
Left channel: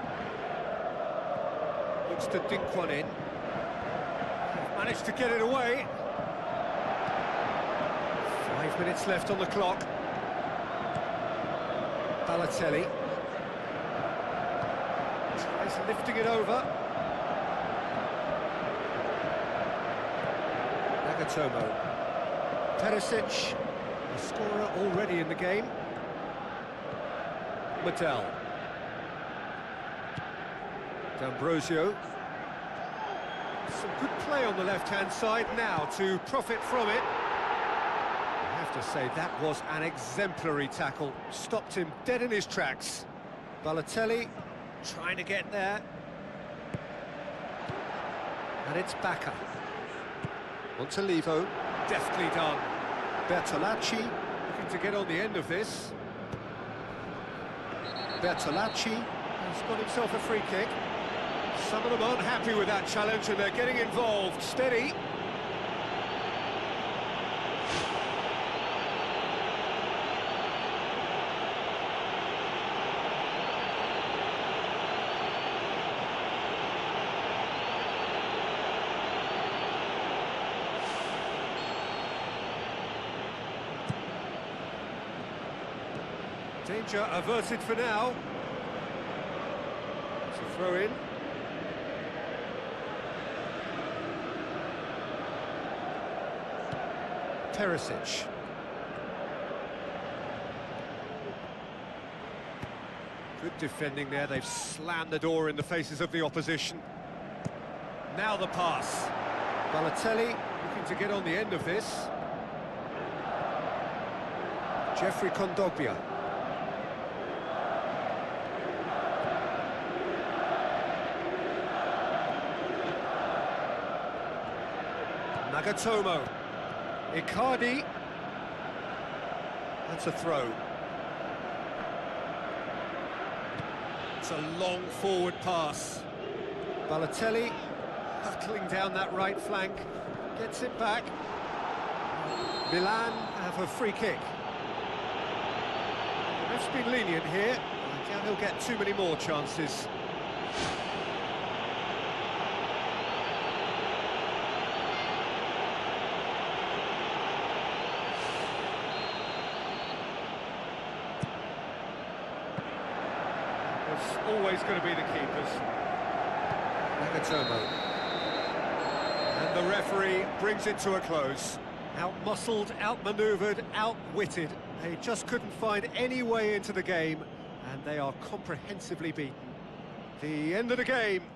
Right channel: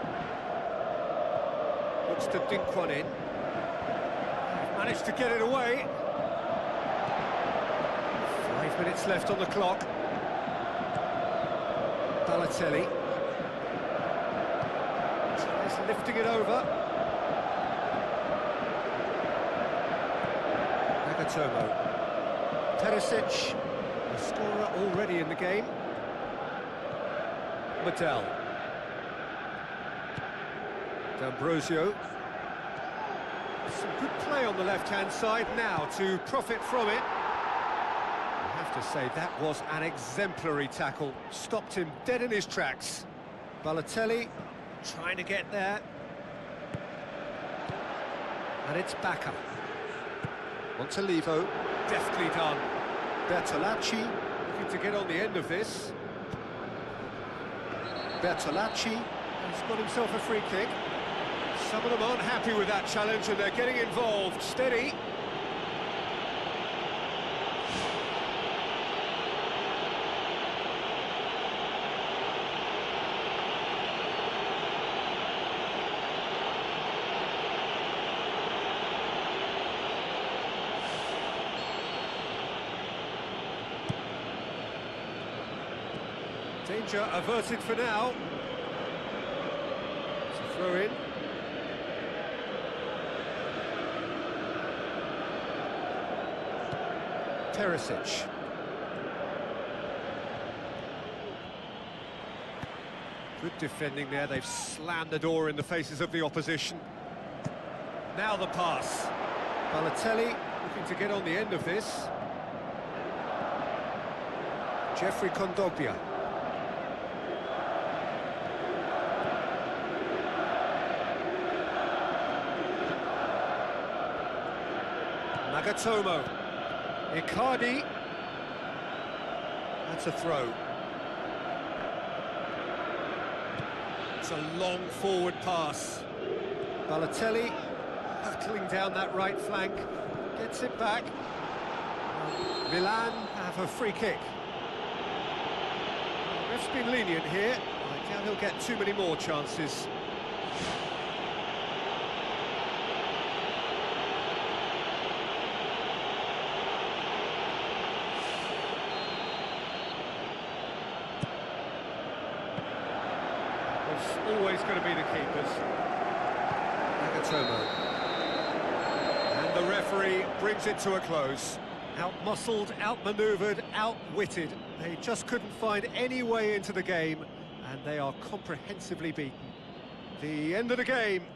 looks to dink one in. Managed to get it away. 5 minutes left on the clock. Balotelli tries lifting it over. Nagatomo. Perisic, the scorer already in the game. Mattel. D'Ambrosio. Some good play on the left-hand side now to profit from it. I have to say, that was an exemplary tackle. Stopped him dead in his tracks. Balotelli trying to get there. And it's Bacca. Montalivo, deftly done. Bertolacci looking to get on the end of this. Bertolacci has got himself a free kick. Some of them aren't happy with that challenge and they're getting involved. Steady. Danger averted for now. It's a throw in. Perisic. Good defending there. They've slammed the door in the faces of the opposition. Now the pass. Balotelli looking to get on the end of this. Jeffrey Kondogbia. Nagatomo. Icardi. That's a throw. It's a long forward pass. Balotelli hurtling down that right flank. Gets it back. Milan have a free kick. Well, the ref's been lenient here. I doubt he'll get too many more chances. Was always going to be the keepers. Nagatomo. And the referee brings it to a close. Out-muscled, out-manoeuvred, outwitted. They just couldn't find any way into the game, and they are comprehensively beaten. The end of the game.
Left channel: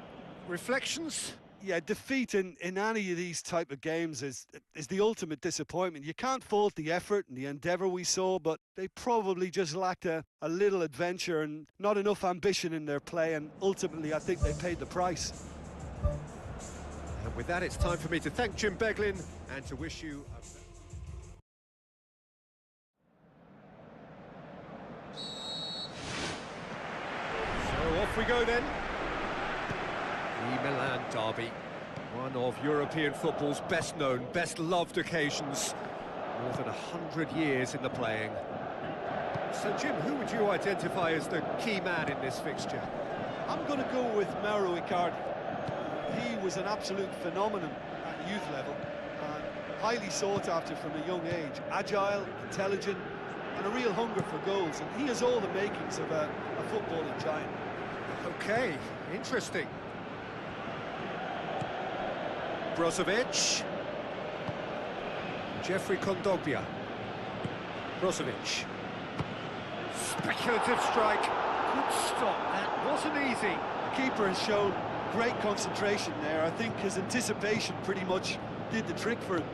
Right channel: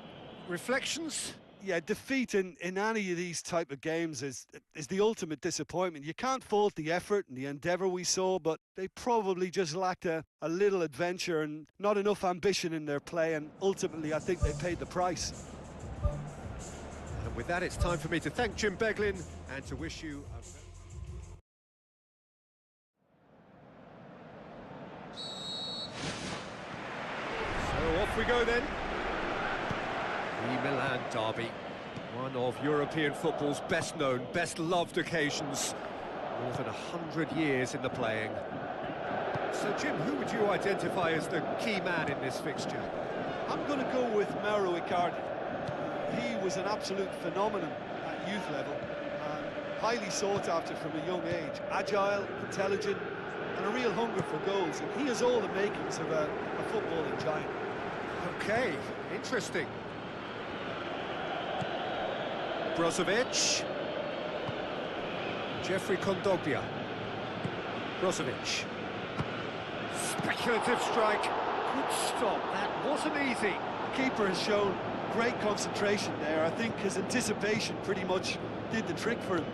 Reflections? Yeah, defeat in any of these type of games is the ultimate disappointment. You can't fault the effort and the endeavour we saw, but they probably just lacked a little adventure and not enough ambition in their play, and ultimately I think they paid the price. And with that, it's time for me to thank Jim Beglin and to wish you a... So off we go then. The Milan derby, one of European football's best known, best loved occasions. More than 100 years in the playing. So Jim, who would you identify as the key man in this fixture? I'm going to go with Mauro Icardi. He was an absolute phenomenon at youth level, and highly sought after from a young age. Agile, intelligent, and a real hunger for goals, and he has all the makings of a footballing giant. Okay, interesting. Brozovic. Jeffrey Kondogbia. Brozovic. Speculative strike. Good stop. That wasn't easy. The keeper has shown great concentration there. I think his anticipation pretty much did the trick for him.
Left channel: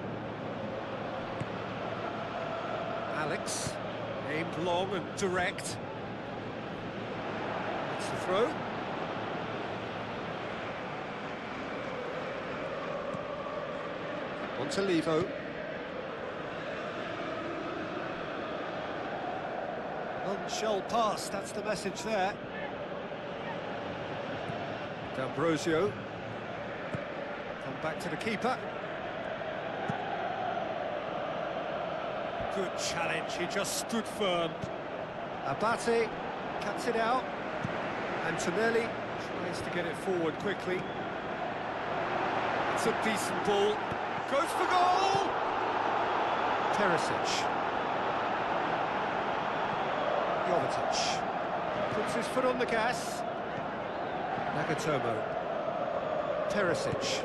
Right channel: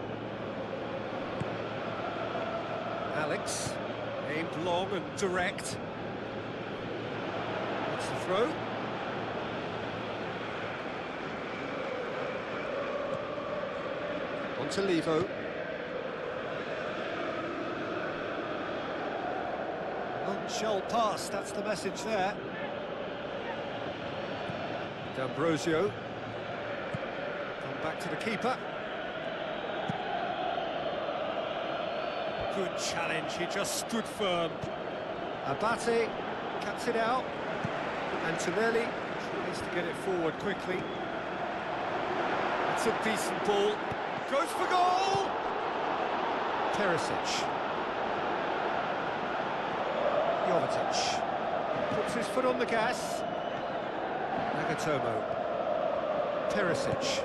Alex, aimed long and direct. That's the throw. Montalivo. None shall pass, that's the message there. D'Ambrosio. Come back to the keeper. Good challenge, he just stood firm. Abate cuts it out. Antonelli tries to get it forward quickly. It's a decent ball. Goes for goal! Perisic. Jovetic. Puts his foot on the gas. Nagatomo. Perisic.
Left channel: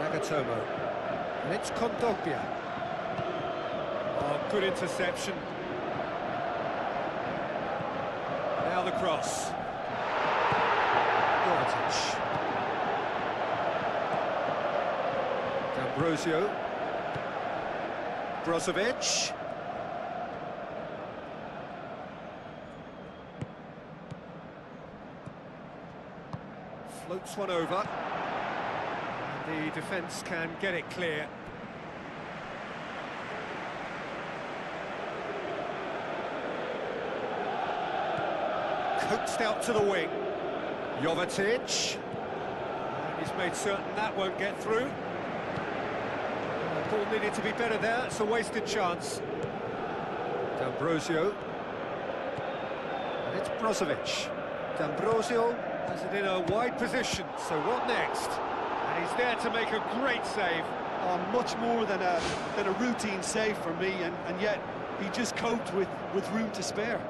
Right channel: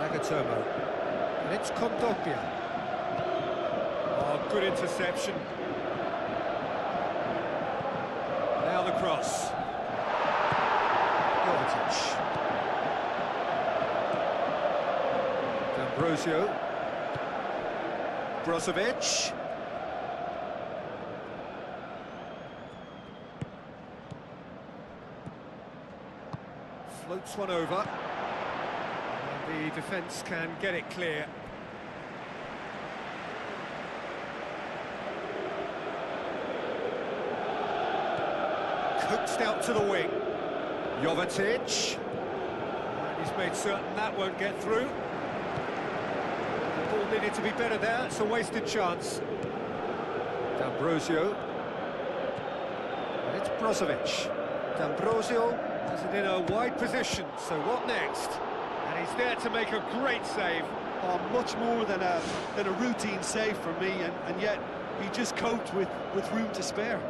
Nagatomo. And it's Kondogbia. Oh, good interception. Now the cross. Jovetic. D'Ambrosio. Brozovic. Floats one over. And the defence can get it clear. Coaxed out to the wing. Jovetic. And he's made certain that won't get through. The ball needed to be better there, it's a wasted chance. D'Ambrosio. And it's Brozovic. D'Ambrosio has it in a wide position, so what next? And he's there to make a great save. Oh, much more than a routine save for me, and yet he just coped with room to spare.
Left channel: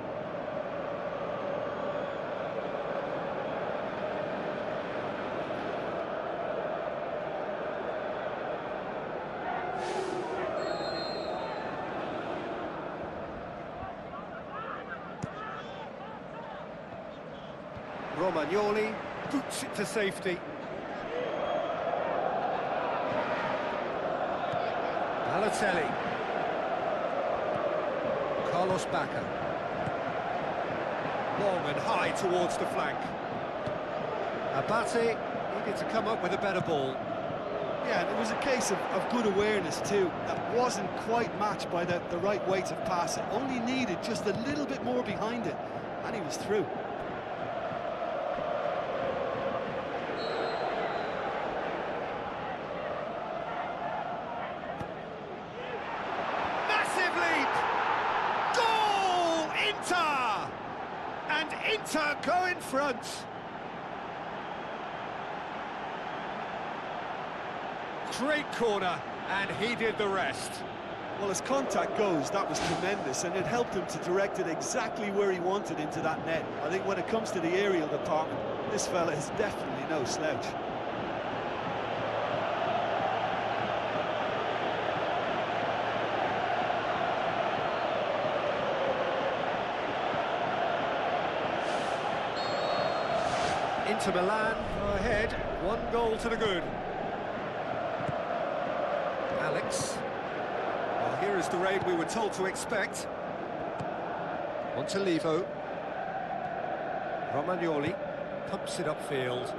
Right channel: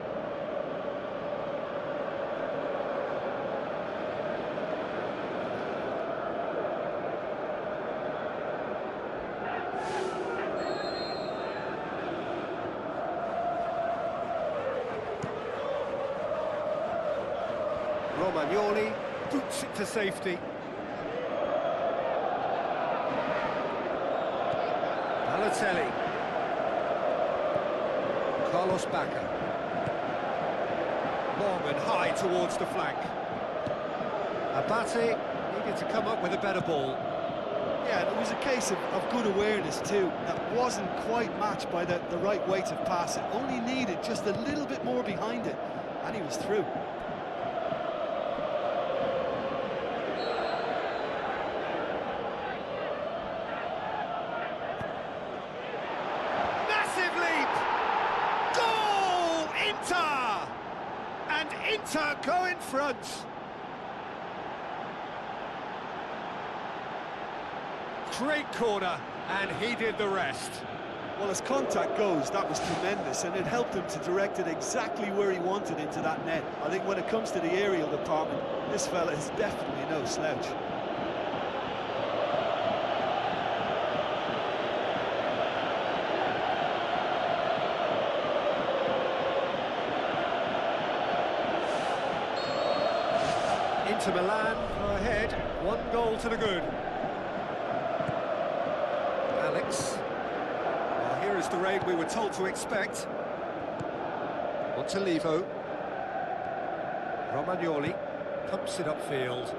Romagnoli boots it to safety. Balotelli. Carlos Bacca. Long and high towards the flank. Abate needed to come up with a better ball. Yeah, and it was a case of good awareness too. That wasn't quite matched by the right weight of pass. It only needed just a little bit more behind it, and he was through. Leap! Goal! Inter! And Inter go in front. Great corner, and he did the rest. Well, as contact goes, that was tremendous, and it helped him to direct it exactly where he wanted into that net. I think when it comes to the aerial department, this fella is definitely no slouch. Inter Milan go ahead, 1 goal to the good. Alex. Well, here is the rain we were told to expect. Montalivo. Romagnoli pumps it upfield.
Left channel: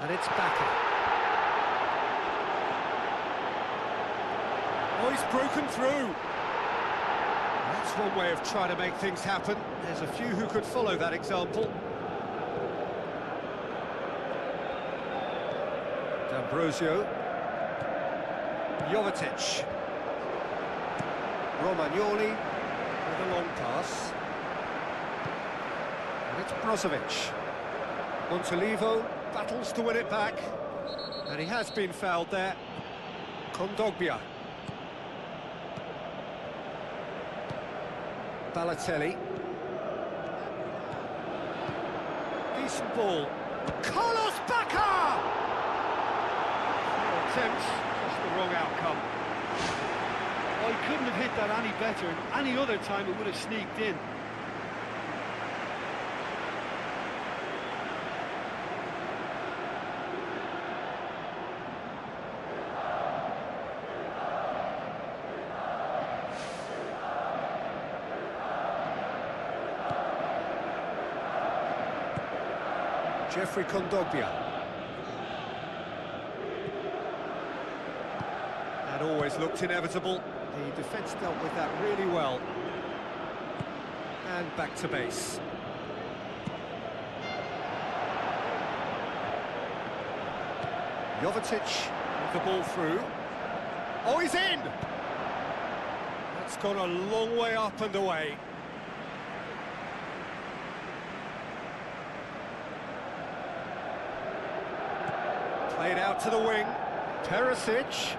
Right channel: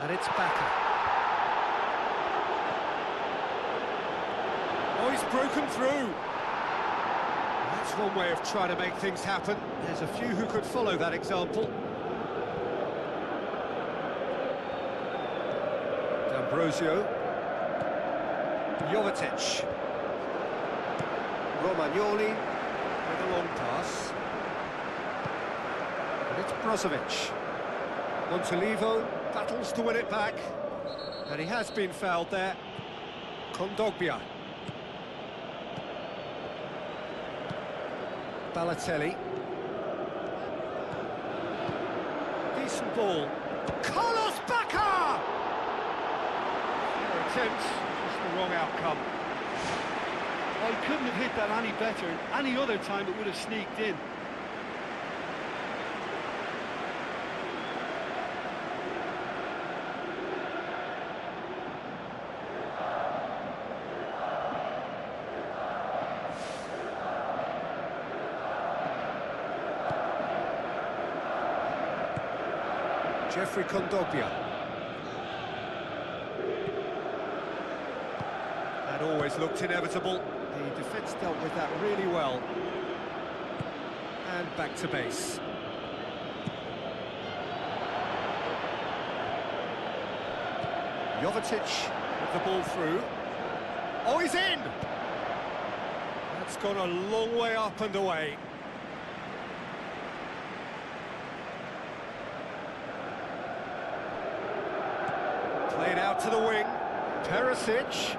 And it's Bacca. Oh, he's broken through. That's one way of trying to make things happen. There's a few who could follow that example. D'Ambrosio. Jovetic. Romagnoli with a long pass. And it's Brozovic. Montolivo battles to win it back. And he has been fouled there. Kondogbia. Balotelli. Decent ball. Carlos Bacca! Fair attempt, just the wrong outcome. Oh, he couldn't have hit that any better, and any other time it would have sneaked in. Jeffrey Kondogbia. That always looked inevitable. The defence dealt with that really well. And back to base. Jovetic with the ball through. Oh, he's in! That's gone a long way up and away. Played out to the wing. Perisic.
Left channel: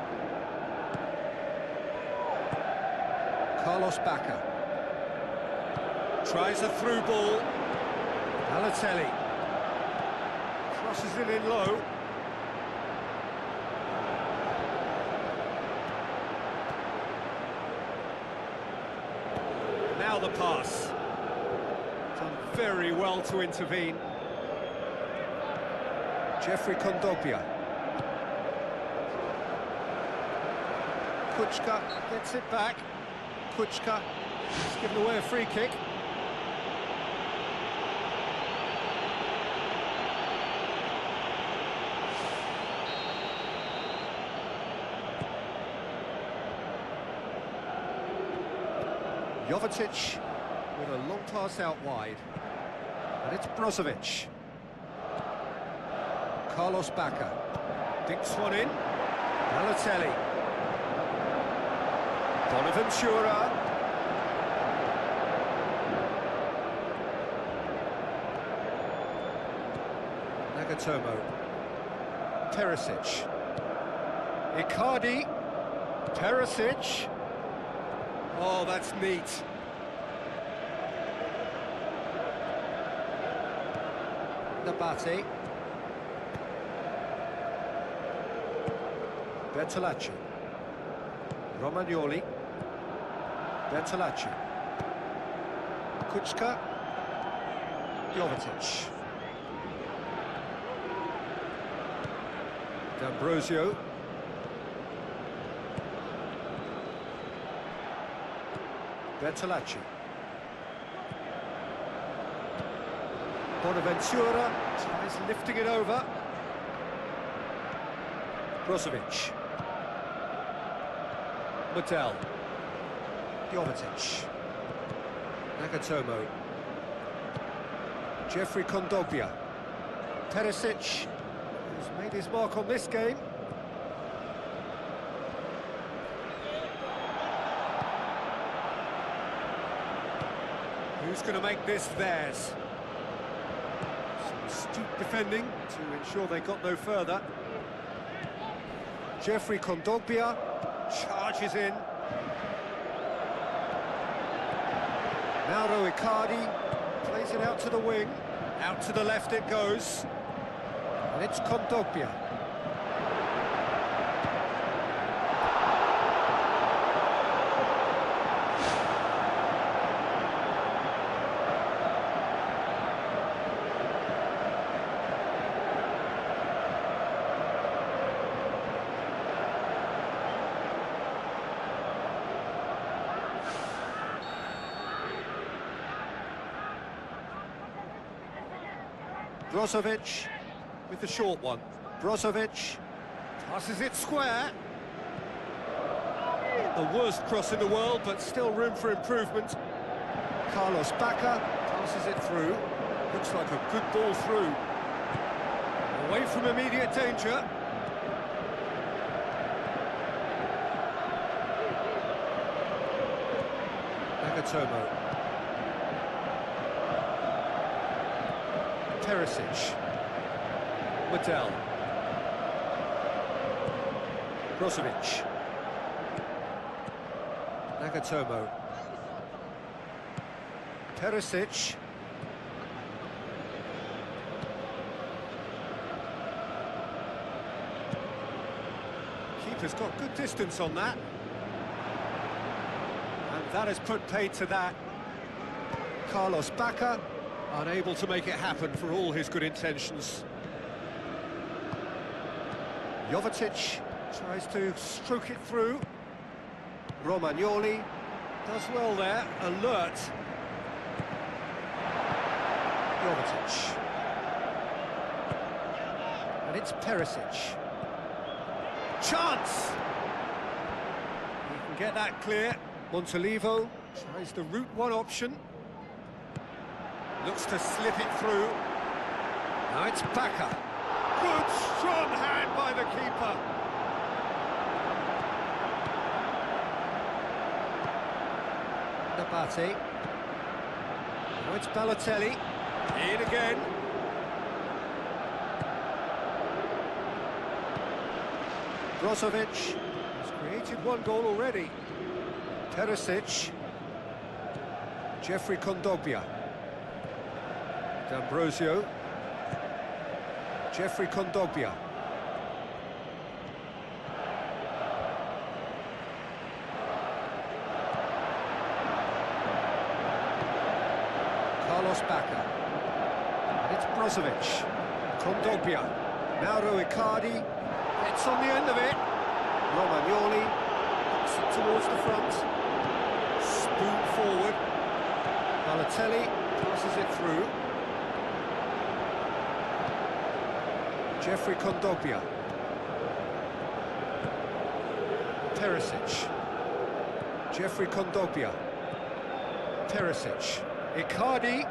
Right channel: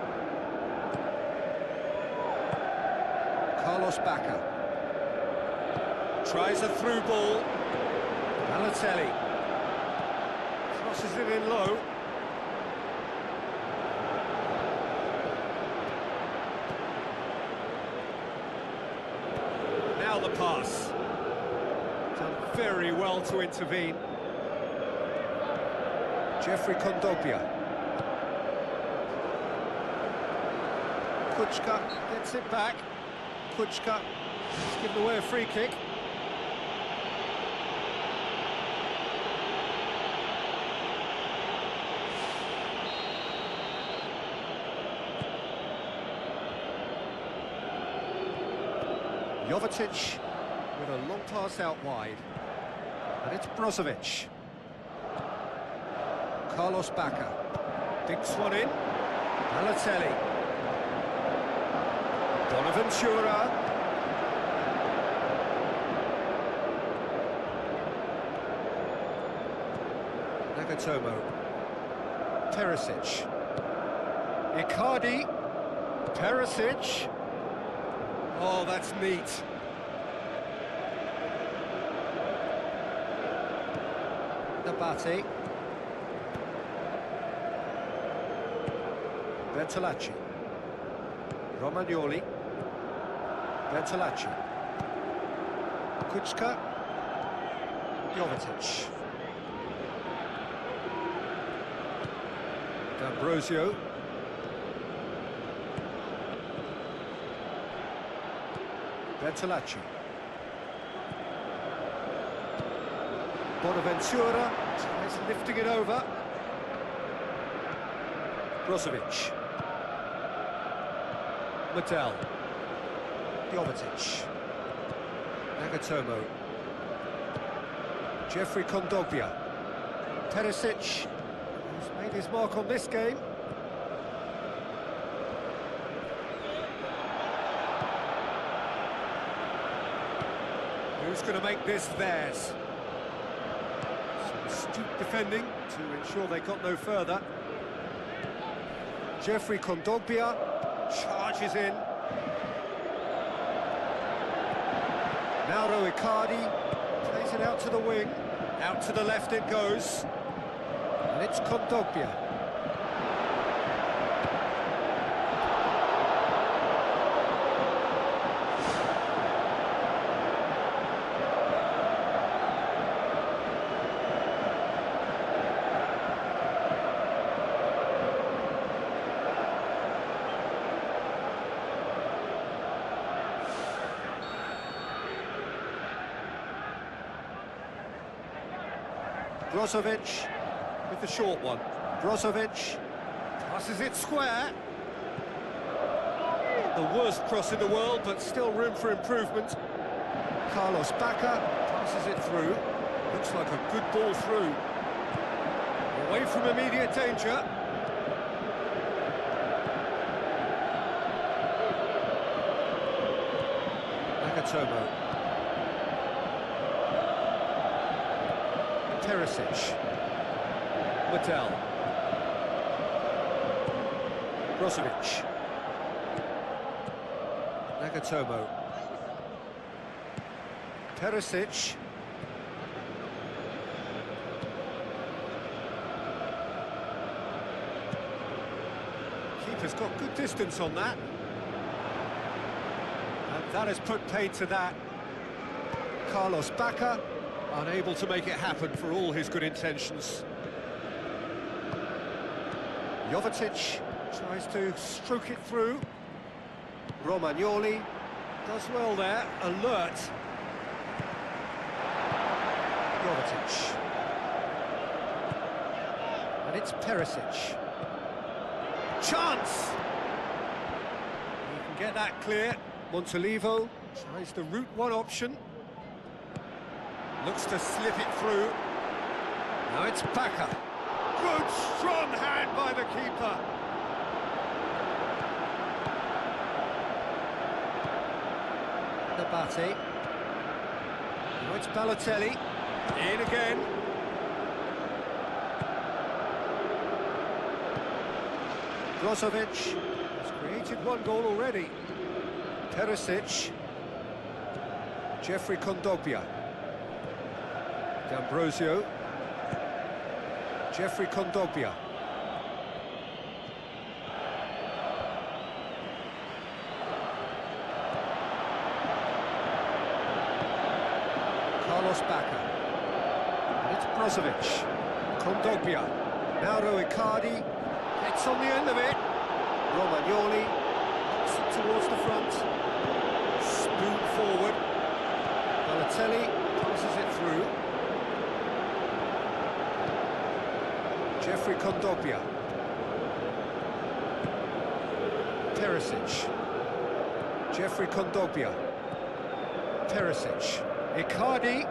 Carlos Bacca. Tries a through ball. Balotelli. Crosses it in low. Now the pass. Done very well to intervene. Jeffrey Kondogbia. Kuczka gets it back. Kuczka has given away a free kick. Jovetic with a long pass out wide. And it's Brozovic. Carlos Bacca dinks one in. Balotelli. Bonaventura. Nagatomo. Perisic. Icardi. Perisic. Oh, that's neat. Nabate. Bertolacci. Romagnoli. Bertolacci. Kuczka. Jovetic. D'Ambrosio. Bertolacci. Bonaventura tries lifting it over. Brozovic. Mattel. Jovetic. Nagatomo. Jeffrey Kondogbia. Perisic, who's made his mark on this game. Who's going to make this theirs? Some astute defending to ensure they got no further. Jeffrey Kondogbia charges in. Mauro Icardi plays it out to the wing. Out to the left it goes. And it's Kondogbia. Brozovic with the short one. Brozovic passes it square. Not the worst cross in the world, but still room for improvement. Carlos Bacca passes it through. Looks like a good ball through. Away from immediate danger. Nagatomo. Perisic. Medel. Brozovic. Nagatomo. Perisic. Keeper's got good distance on that. And that has put paid to that. Carlos Bacca, unable to make it happen for all his good intentions. Jovetic tries to stroke it through. Romagnoli does well there, alert. Jovetic. And it's Perisic. Chance! He can get that clear. Montolivo tries the route one option. Looks to slip it through. Now it's Bacca. Good, strong hand by the keeper. Nabate. Now it's Balotelli. In again. Brozovic has created one goal already. Perisic. Jeffrey Kondogbia. D'Ambrosio. Jeffrey Kondogbia. Carlos Bacca. And it's Brozovic. Kondogbia. Mauro Icardi gets on the end of it. Romagnoli knocks it towards the front. Spoon forward. Balotelli passes it through. Jeffrey Kondogbia. Perisic. Jeffrey Kondogbia. Perisic. Icardi.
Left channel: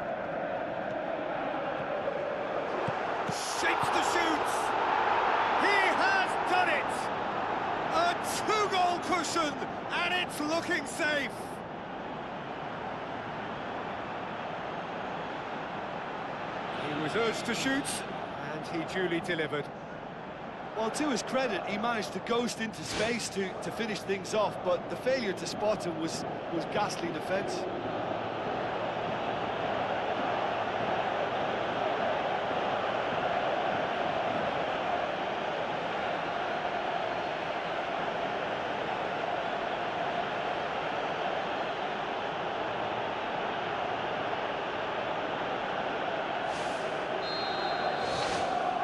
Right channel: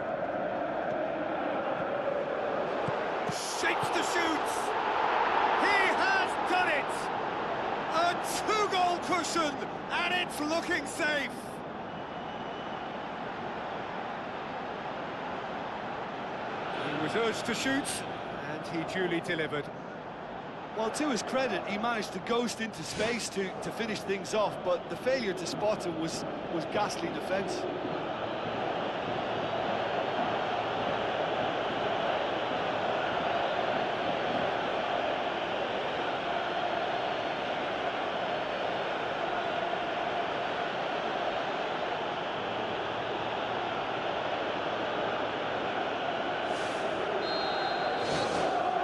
Shapes the shoots. He has done it. A two-goal cushion, and it's looking safe. He was urged to shoot, and he duly delivered. Well, to his credit, he managed to ghost into space to finish things off, but the failure to spot him was ghastly defence.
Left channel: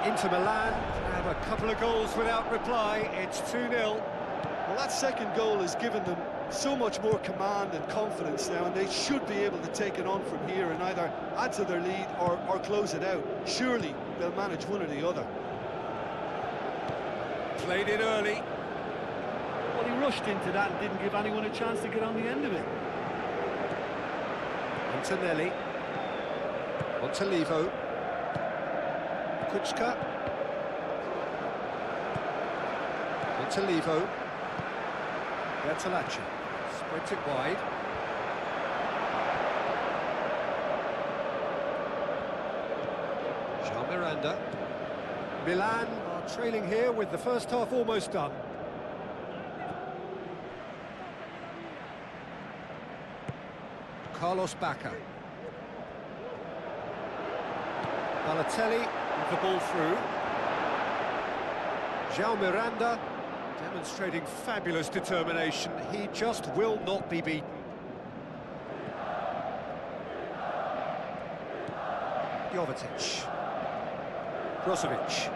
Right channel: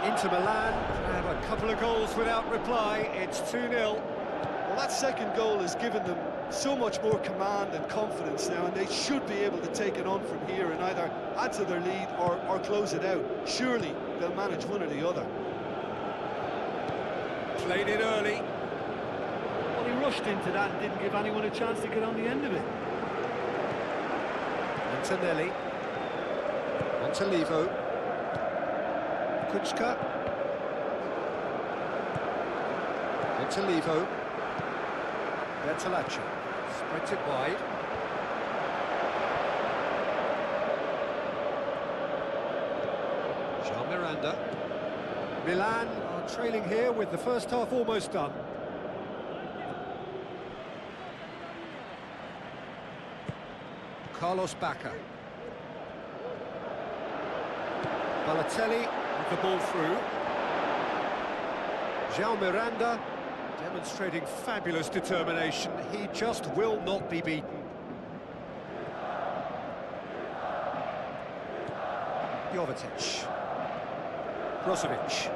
Inter Milan have a couple of goals without reply. It's 2-0. Well, that second goal has given them so much more command and confidence now, and they should be able to take it on from here and either add to their lead or close it out. Surely they'll manage one or the other. Played it early. Well, he rushed into that and didn't give anyone a chance to get on the end of it. Antonelli. Montolivo. Kuczka. Montolivo. Bertolacci spreads it wide. Jean Miranda. Milan are trailing here with the first half almost done. Carlos Bacca. Balotelli with the ball through. João Miranda demonstrating fabulous determination. He just will not be beaten. Jovetic. Brozovic.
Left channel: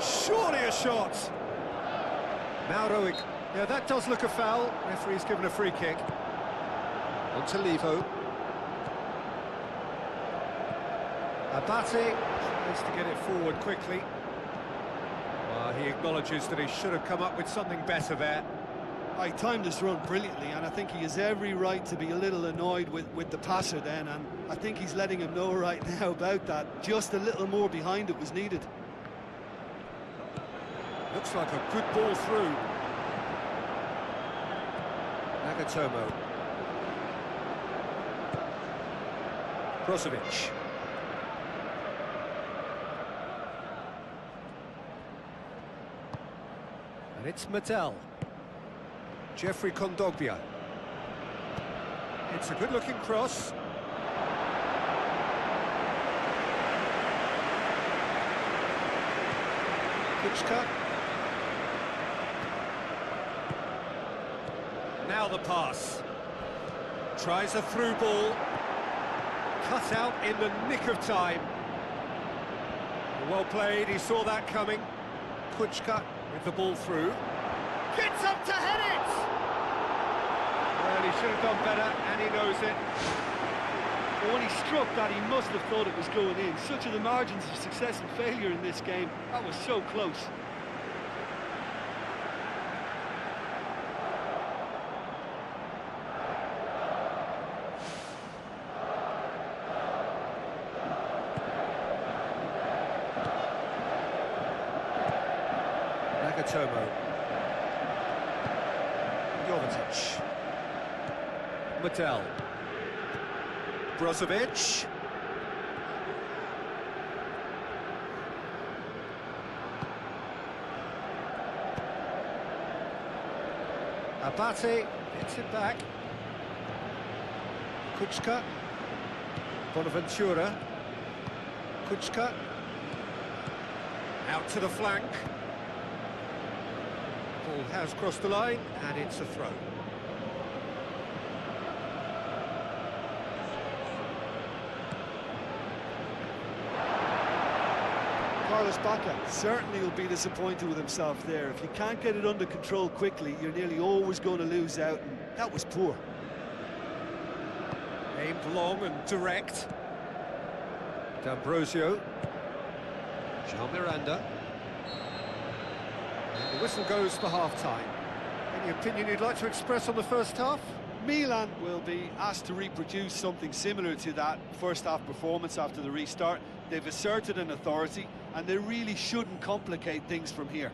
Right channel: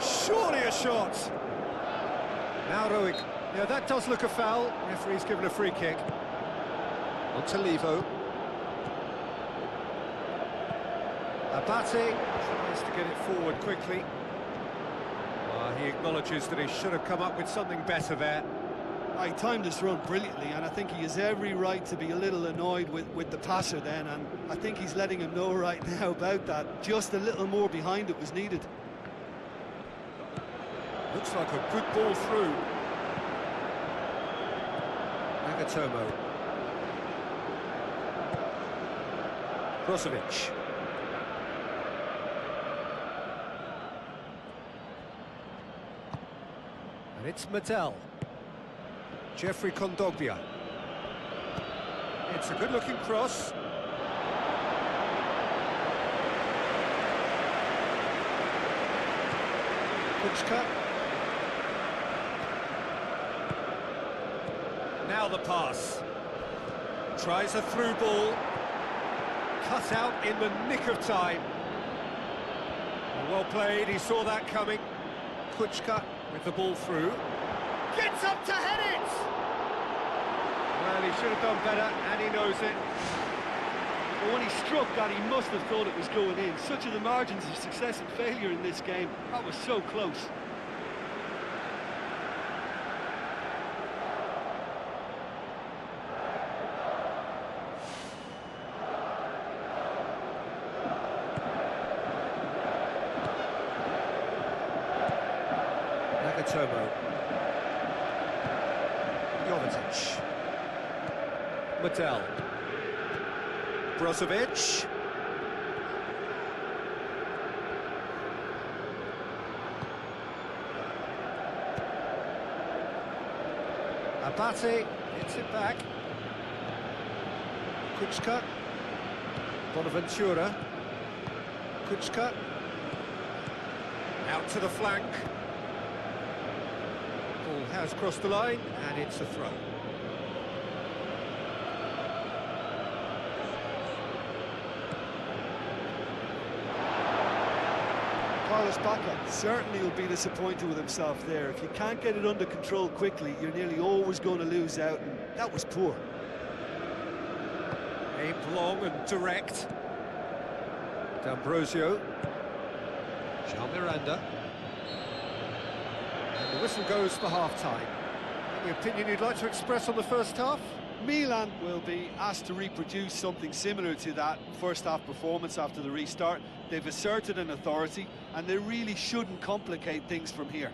Surely a shot. Mauro. Yeah, that does look a foul. Referee's given a free kick. Montolivo. Abate tries to get it forward quickly. Well, he acknowledges that he should have come up with something better there. He timed his run brilliantly, and I think he has every right to be a little annoyed with the passer then, and I think he's letting him know right now about that. Just a little more behind it was needed. Looks like a good ball through. Nagatomo. Brozovic. And it's Mattel. Jeffrey Kondogbia. It's a good-looking cross. Kuczka. Now the pass. Tries a through ball. Cut out in the nick of time. Well played, he saw that coming. Kuczka with the ball through. Gets up to head it! Well, he should have done better, and he knows it. Well, when he struck that, he must have thought it was going in. Such are the margins of success and failure in this game. That was so close. Nagatomo. Jovetic. Mattel. Brozovic. Abate gets it back. Kuczka. Bonaventura. Kuczka. Out to the flank. Ball has crossed the line, and it's a throw. Carlos Bacca certainly will be disappointed with himself there. If you can't get it under control quickly, you're nearly always going to lose out, and that was poor. Aimed long and direct. D'Ambrosio. Jean Miranda. And the whistle goes for half-time. Any opinion you'd like to express on the first half? Milan will be asked to reproduce something similar to that first-half performance after the restart. They've asserted an authority, and they really shouldn't complicate things from here.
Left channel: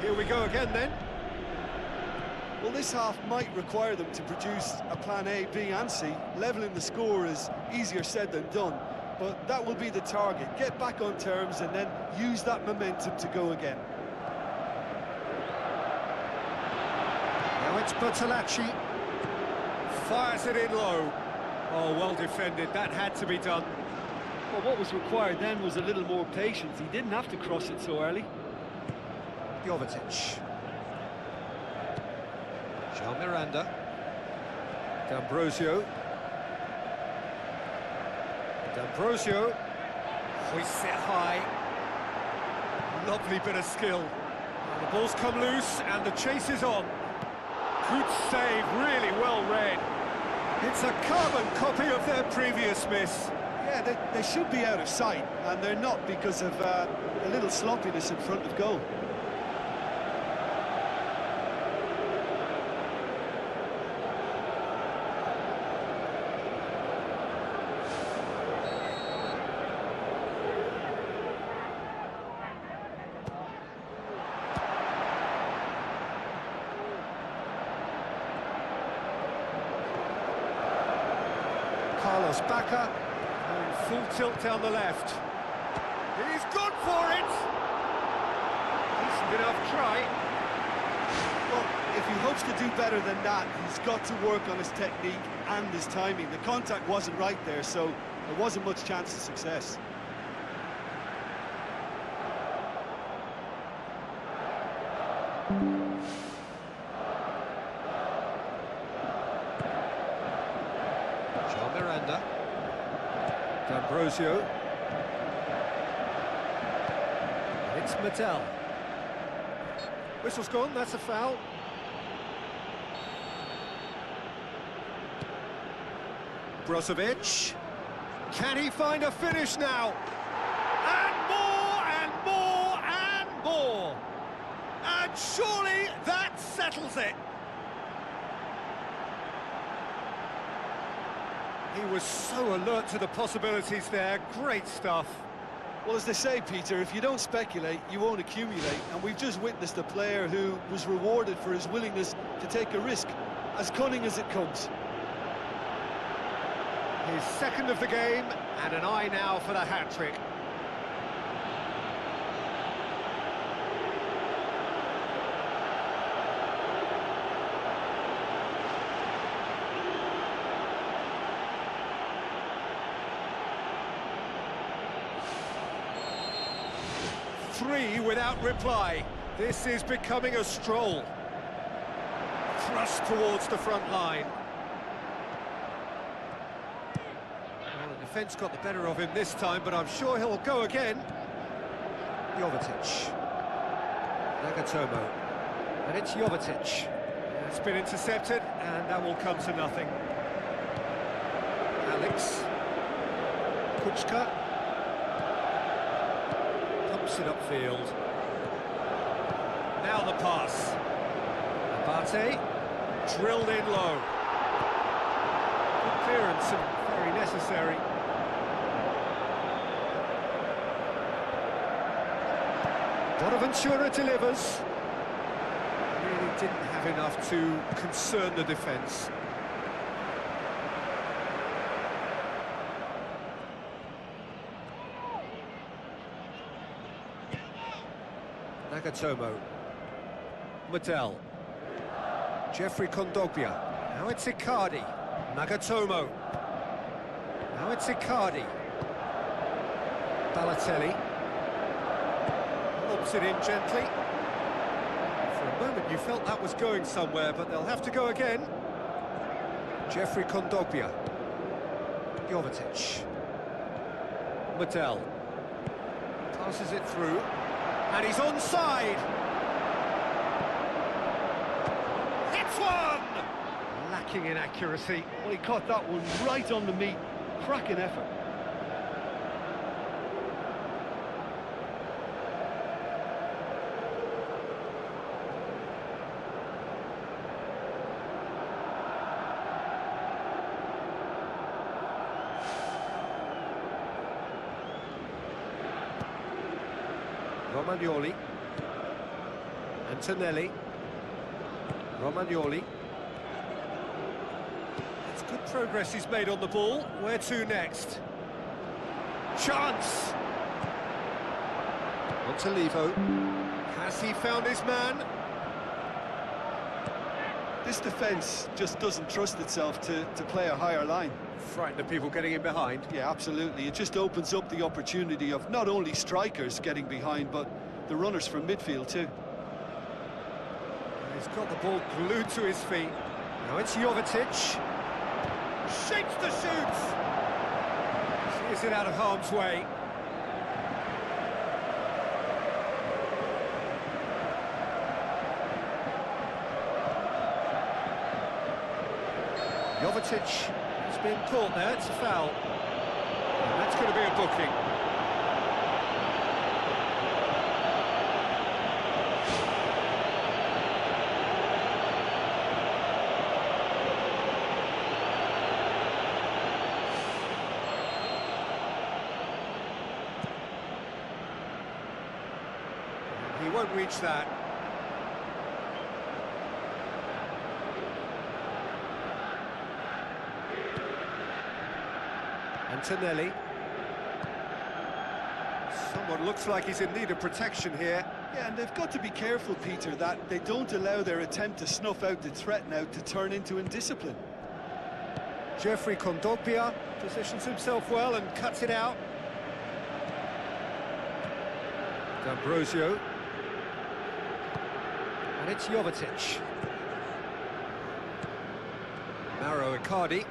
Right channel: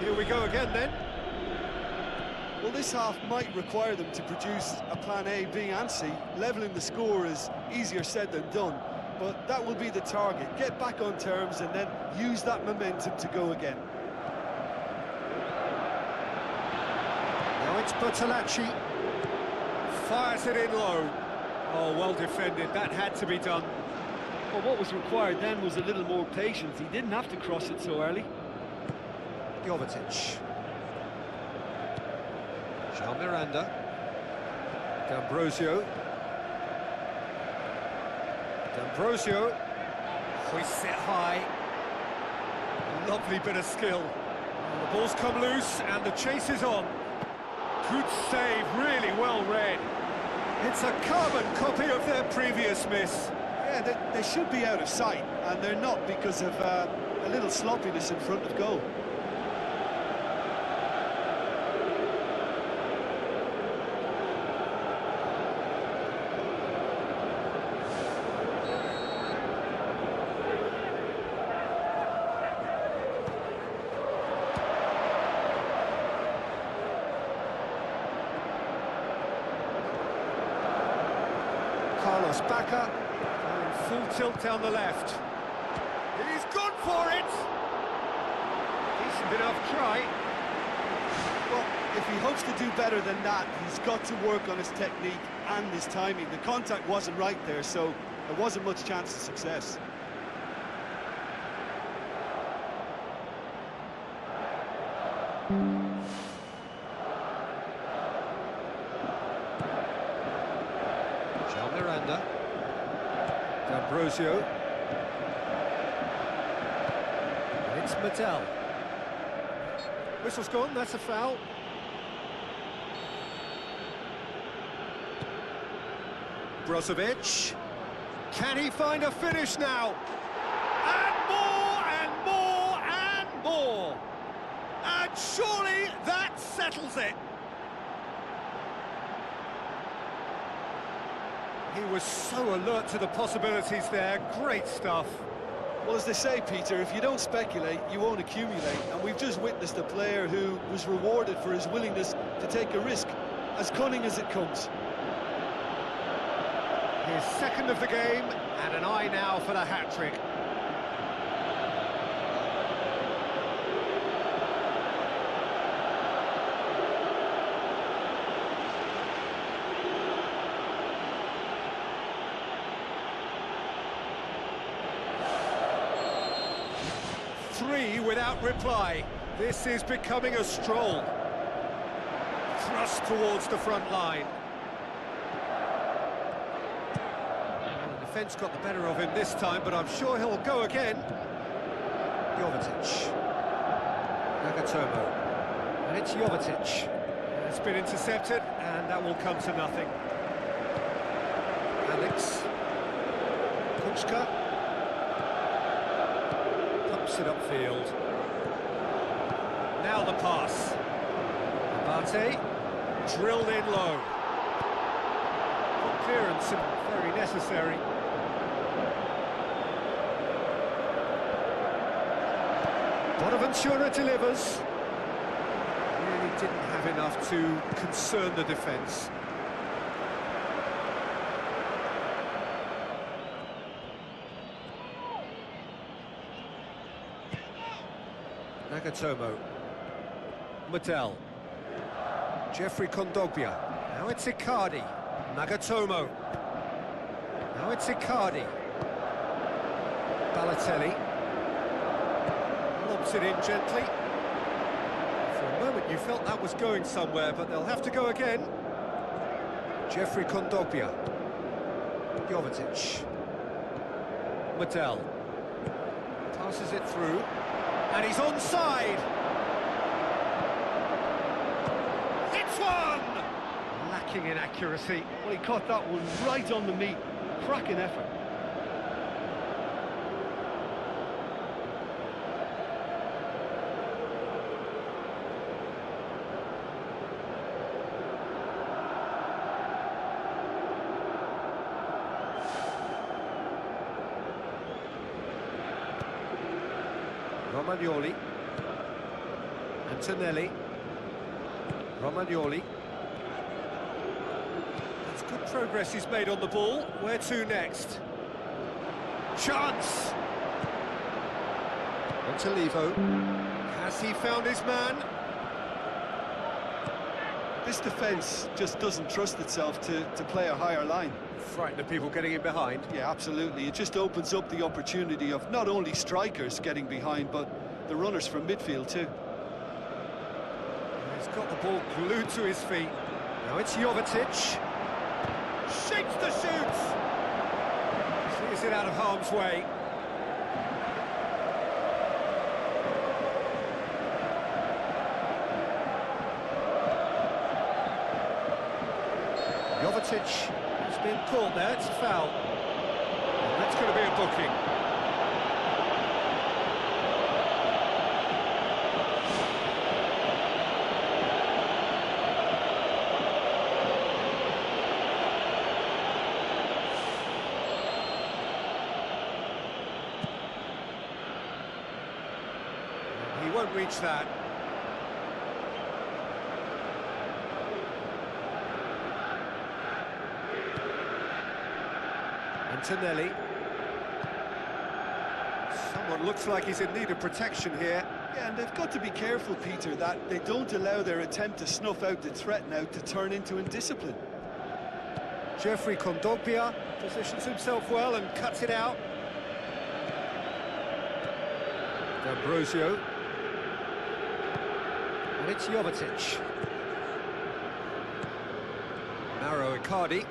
Here we go again, then. Well, this half might require them to produce a plan A, B and C. Levelling the score is easier said than done, but that will be the target. Get back on terms and then use that momentum to go again. Now it's Bertolacci. Fires it in low. Oh, well defended. That had to be done. Well, what was required then was a little more patience. He didn't have to cross it so early. Jovetic. Jean Miranda. D'Ambrosio. D'Ambrosio hoists it high. Lovely bit of skill. Well, the ball's come loose and the chase is on. Good save, really well read. It's a carbon copy of their previous miss. Yeah, they should be out of sight, and they're not because of a little sloppiness in front of goal. Carlos Bacca going full tilt down the left. He's gone for it! Decent enough try. Well, if he hopes to do better than that, he's got to work on his technique and his timing. The contact wasn't right there, so there wasn't much chance of success. Jean Miranda. D'Ambrosio. And it's Mattel. Whistle's gone, that's a foul. Brozovic. Can he find a finish now? And more, and more, and more. And surely that settles it. He was so alert to the possibilities there. Great stuff. Well, as they say, Peter, if you don't speculate, you won't accumulate. And we've just witnessed a player who was rewarded for his willingness to take a risk, as cunning as it comes. His second of the game, and an eye now for the hat-trick. Three without reply. This is becoming a stroll. Thrust towards the front line. Well, the defence got the better of him this time, but I'm sure he'll go again. Jovetic. Nagatomo. And it's Jovetic. It's been intercepted, and that will come to nothing. Alex. Kuczka. Pumps it upfield. Now the pass. Abate, drilled in low. Good clearance and very necessary. Bonaventura delivers. Really didn't have enough to concern the defence. Nagatomo. Mattel. Jeffrey Kondogbia. Now it's Icardi. Nagatomo. Now it's Icardi. Balotelli. Lobs it in gently. For a moment you felt that was going somewhere, but they'll have to go again. Jeffrey Kondogbia. Jovetic. Mattel. Passes it through. And he's onside. Hits one! Lacking in accuracy. Well, he caught that one right on the meat. Cracking effort. Romagnoli. Antonelli. Romagnoli. That's good progress he's made on the ball. Where to next? Chance! Montalivo. Has he found his man? This defence just doesn't trust itself to play a higher line. Frightened of people getting in behind. Yeah, absolutely. It just opens up the opportunity of not only strikers getting behind, but the runners from midfield too. He's got the ball glued to his feet. Now it's Jovetic. Shakes to shoot. Sees it out of harm's way. Jovetic has been caught there, it's a foul. And that's going to be a booking. And he won't reach that. Antonelli. Someone looks like he's in need of protection here. Yeah, and they've got to be careful, Peter, that they don't allow their attempt to snuff out the threat now to turn into indiscipline. Jeffrey Kondogbia positions himself well and cuts it out. D'Ambrosio. And it's Jovetic. Mauro Icardi.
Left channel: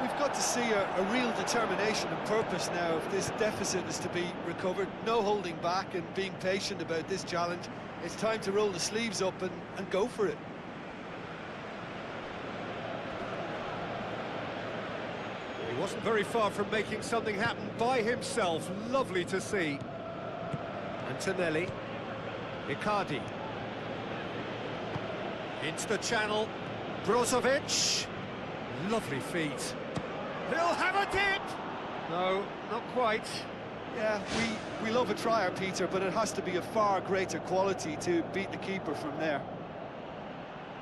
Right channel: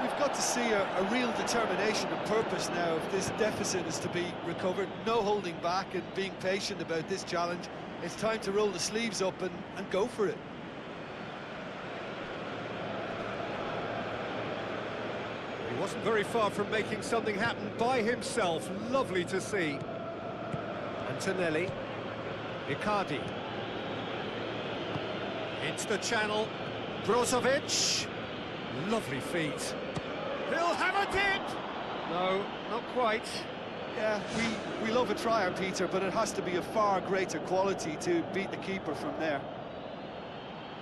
We've got to see a real determination and purpose now if this deficit is to be recovered. No holding back and being patient about this challenge. It's time to roll the sleeves up and go for it. He wasn't very far from making something happen by himself. Lovely to see. Antonelli. Icardi. Into the channel. Brozovic. Lovely feet. He'll have a dip! No, not quite. Yeah, we love a trier, Peter, but it has to be a far greater quality to beat the keeper from there.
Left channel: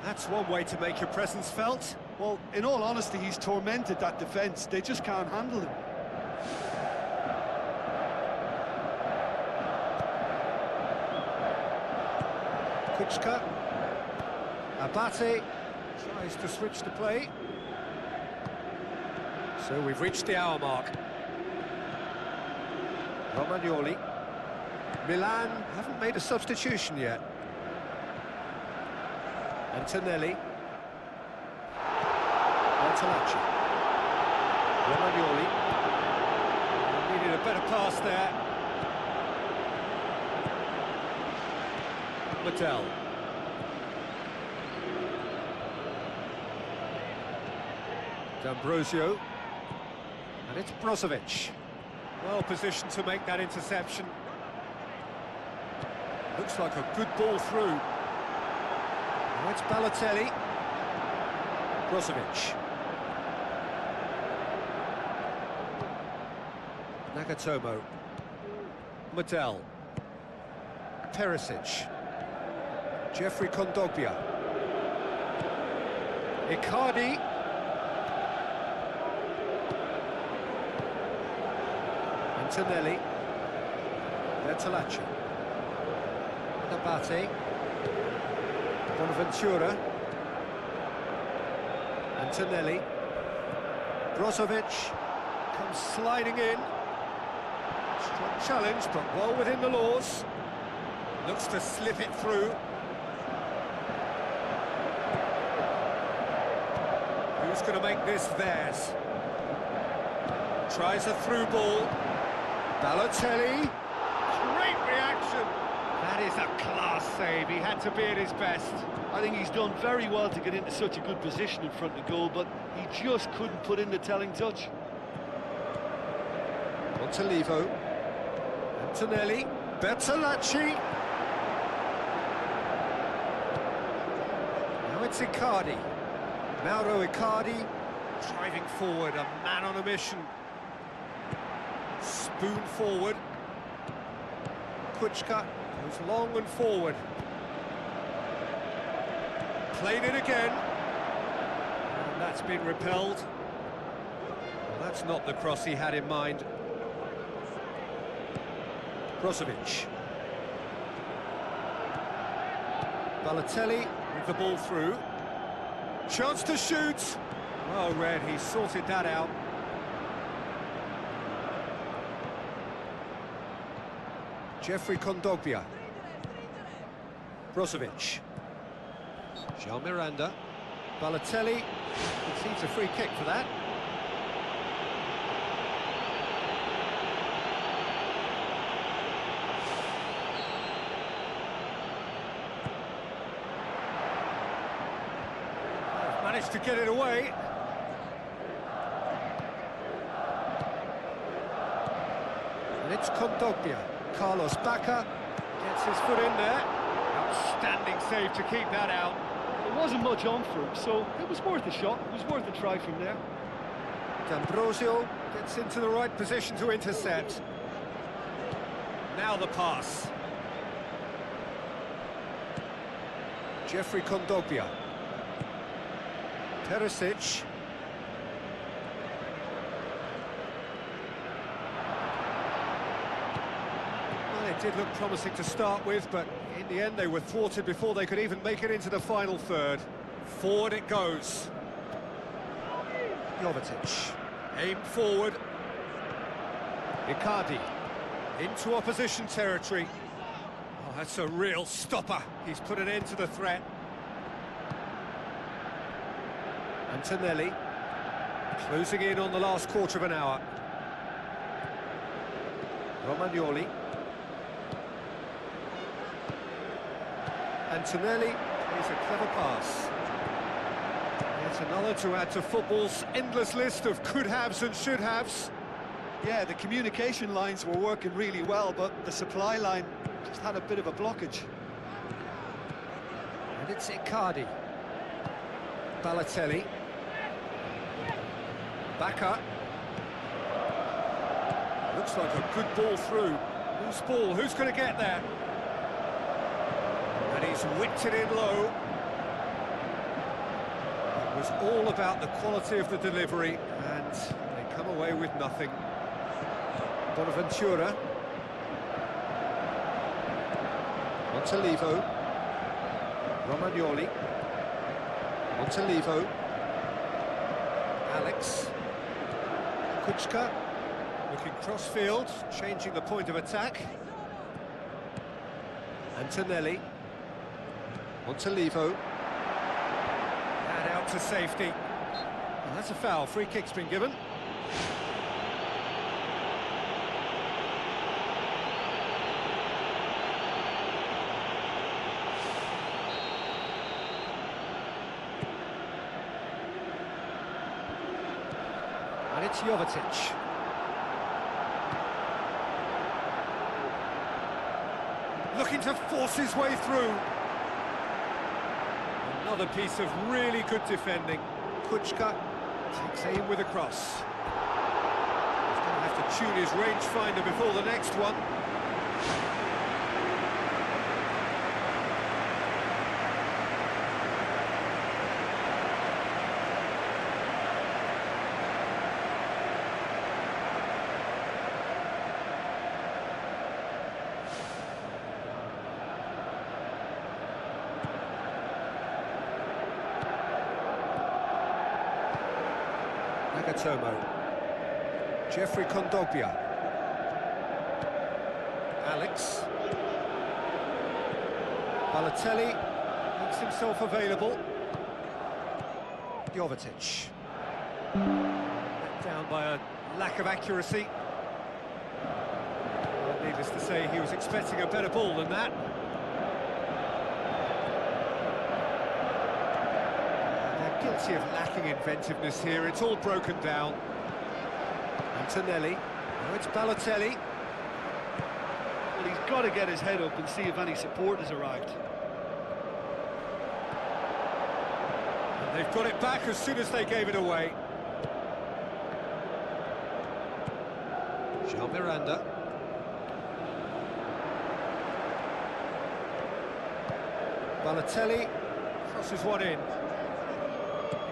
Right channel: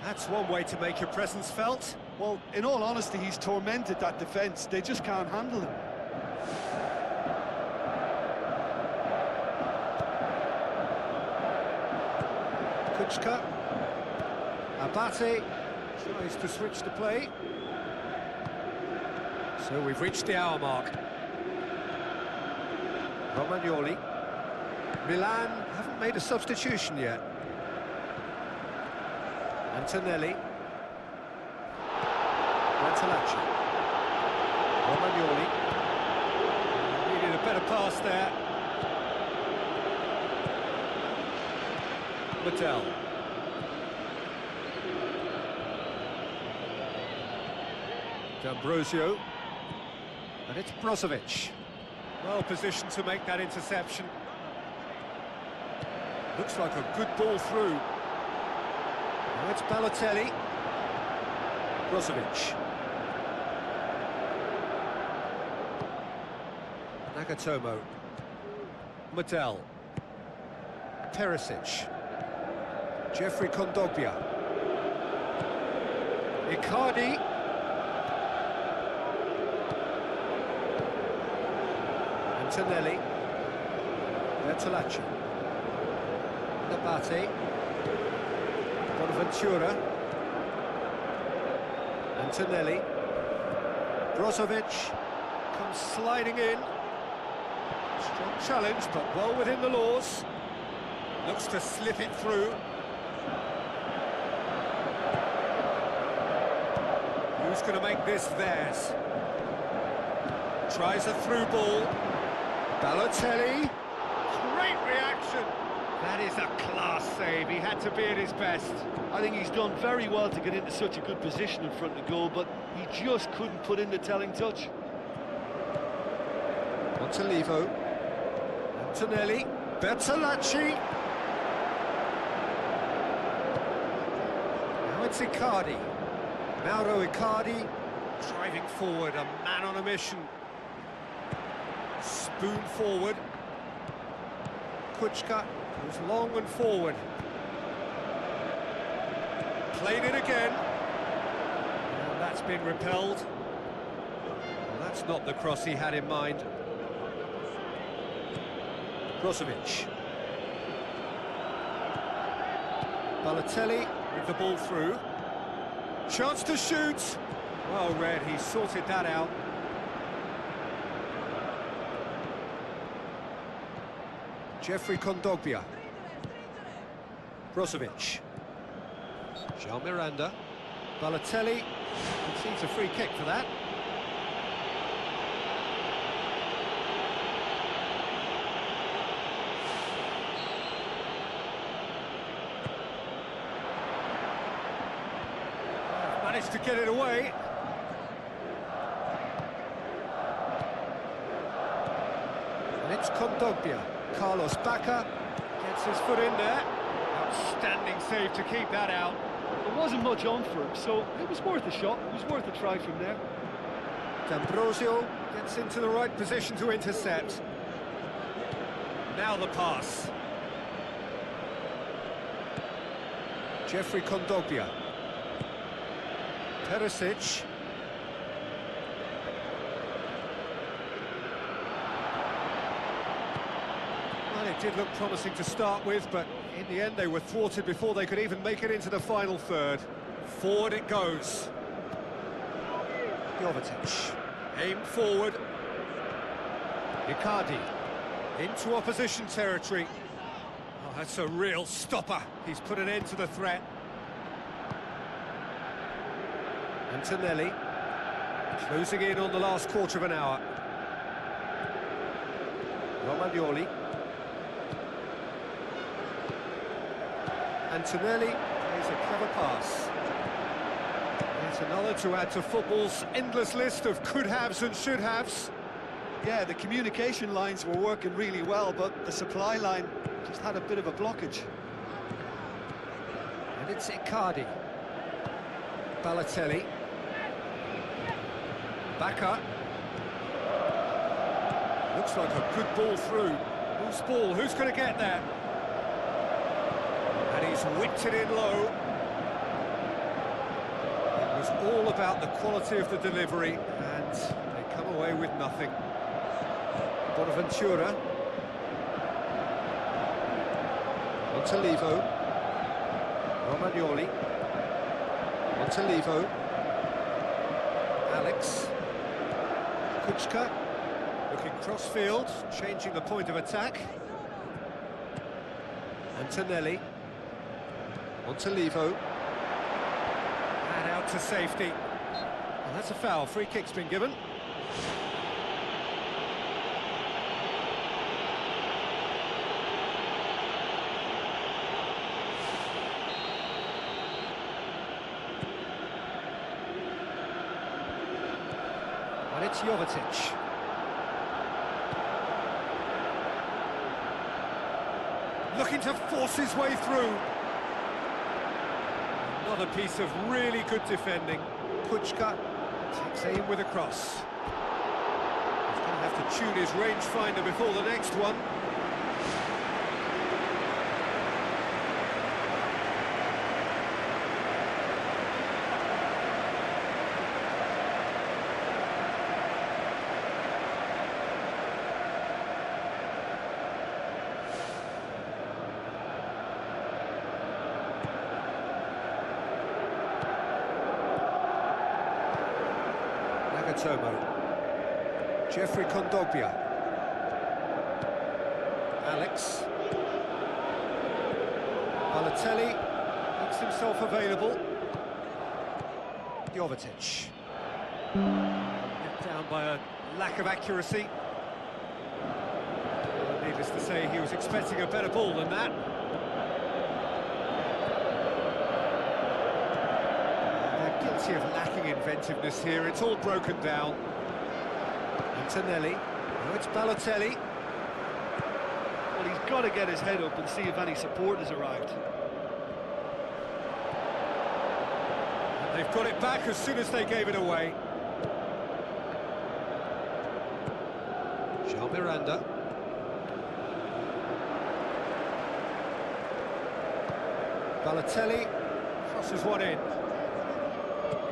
That's one way to make your presence felt. Well, in all honesty, he's tormented that defence. They just can't handle him. Kuczka. Abate tries to switch the play. So we've reached the hour mark. Romagnoli. Milan haven't made a substitution yet. Antonelli. Bertolacci. Romagnoli. Needed a better pass there. Mattel. D'Ambrosio. And it's Brozovic. Well positioned to make that interception. Looks like a good ball through. Now it's Balotelli. Brozovic. Nagatomo. Mattel. Perisic. Jeffrey Kondogbia. Icardi. Antonelli. Bertolacci. Abate. Bonaventura. Antonelli. Brozovic comes sliding in. Strong challenge, but well within the laws. Looks to slip it through. Who's going to make this theirs? Tries a through ball. Balotelli. Great reaction. That is a class save. He had to be at his best. I think he's done very well to get into such a good position in front of goal, but he just couldn't put in the telling touch. Montolivo. Antonelli. Bertolacci. Now it's Icardi. Mauro Icardi driving forward, a man on a mission. Spoon forward. Kuczka goes long and forward. Played it again. And that's been repelled. Well, that's not the cross he had in mind. Brozovic. Balotelli with the ball through. Chance to shoot. Well read, he sorted that out. Jeffrey Kondogbia. Brozovic. Jean Miranda. Balotelli concedes a free kick for that. Managed to get it away. And it's Kondogbia. Carlos Bacca gets his foot in there. Outstanding save to keep that out. There wasn't much on for him, so it was worth a shot. It was worth a try from there. D'Ambrosio gets into the right position to intercept. Now the pass. Jeffrey Kondogbia. Perisic. Well, it did look promising to start with, but in the end they were thwarted before they could even make it into the final third. Forward it goes. Jovetic. Aimed forward. Icardi. Into opposition territory. Oh, that's a real stopper. He's put an end to the threat. Antonelli. Closing in on the last quarter of an hour. Romagnoli. Antonelli plays a clever pass. Yet another to add to football's endless list of could-haves and should-haves. Yeah, the communication lines were working really well, but the supply line just had a bit of a blockage. And it's Icardi. Balotelli. Bacca. Looks like a good ball through. Whose ball? Who's going to get there? And he's whipped it in low. It was all about the quality of the delivery, and they come away with nothing. Bonaventura. Montalivo. Romagnoli. Montalivo. Alex. Kuczka. Looking cross-field, changing the point of attack. Antonelli. Montalivo. And out to safety. Well, that's a foul. Free kick's been given. And it's Jovetic. Looking to force his way through. Another piece of really good defending. Kuczka takes aim with a cross. He's going to have to tune his rangefinder before the next one. Nagatomo. Jeffrey Kondogbia. Alex. Balotelli makes himself available. Jovetic. Let down by a lack of accuracy. Well, needless to say, he was expecting a better ball than that. Guilty of lacking inventiveness here, it's all broken down. Antonelli, now it's Balotelli. Well, he's got to get his head up and see if any support has arrived. And they've got it back as soon as they gave it away. Jean Miranda. Balotelli crosses one in.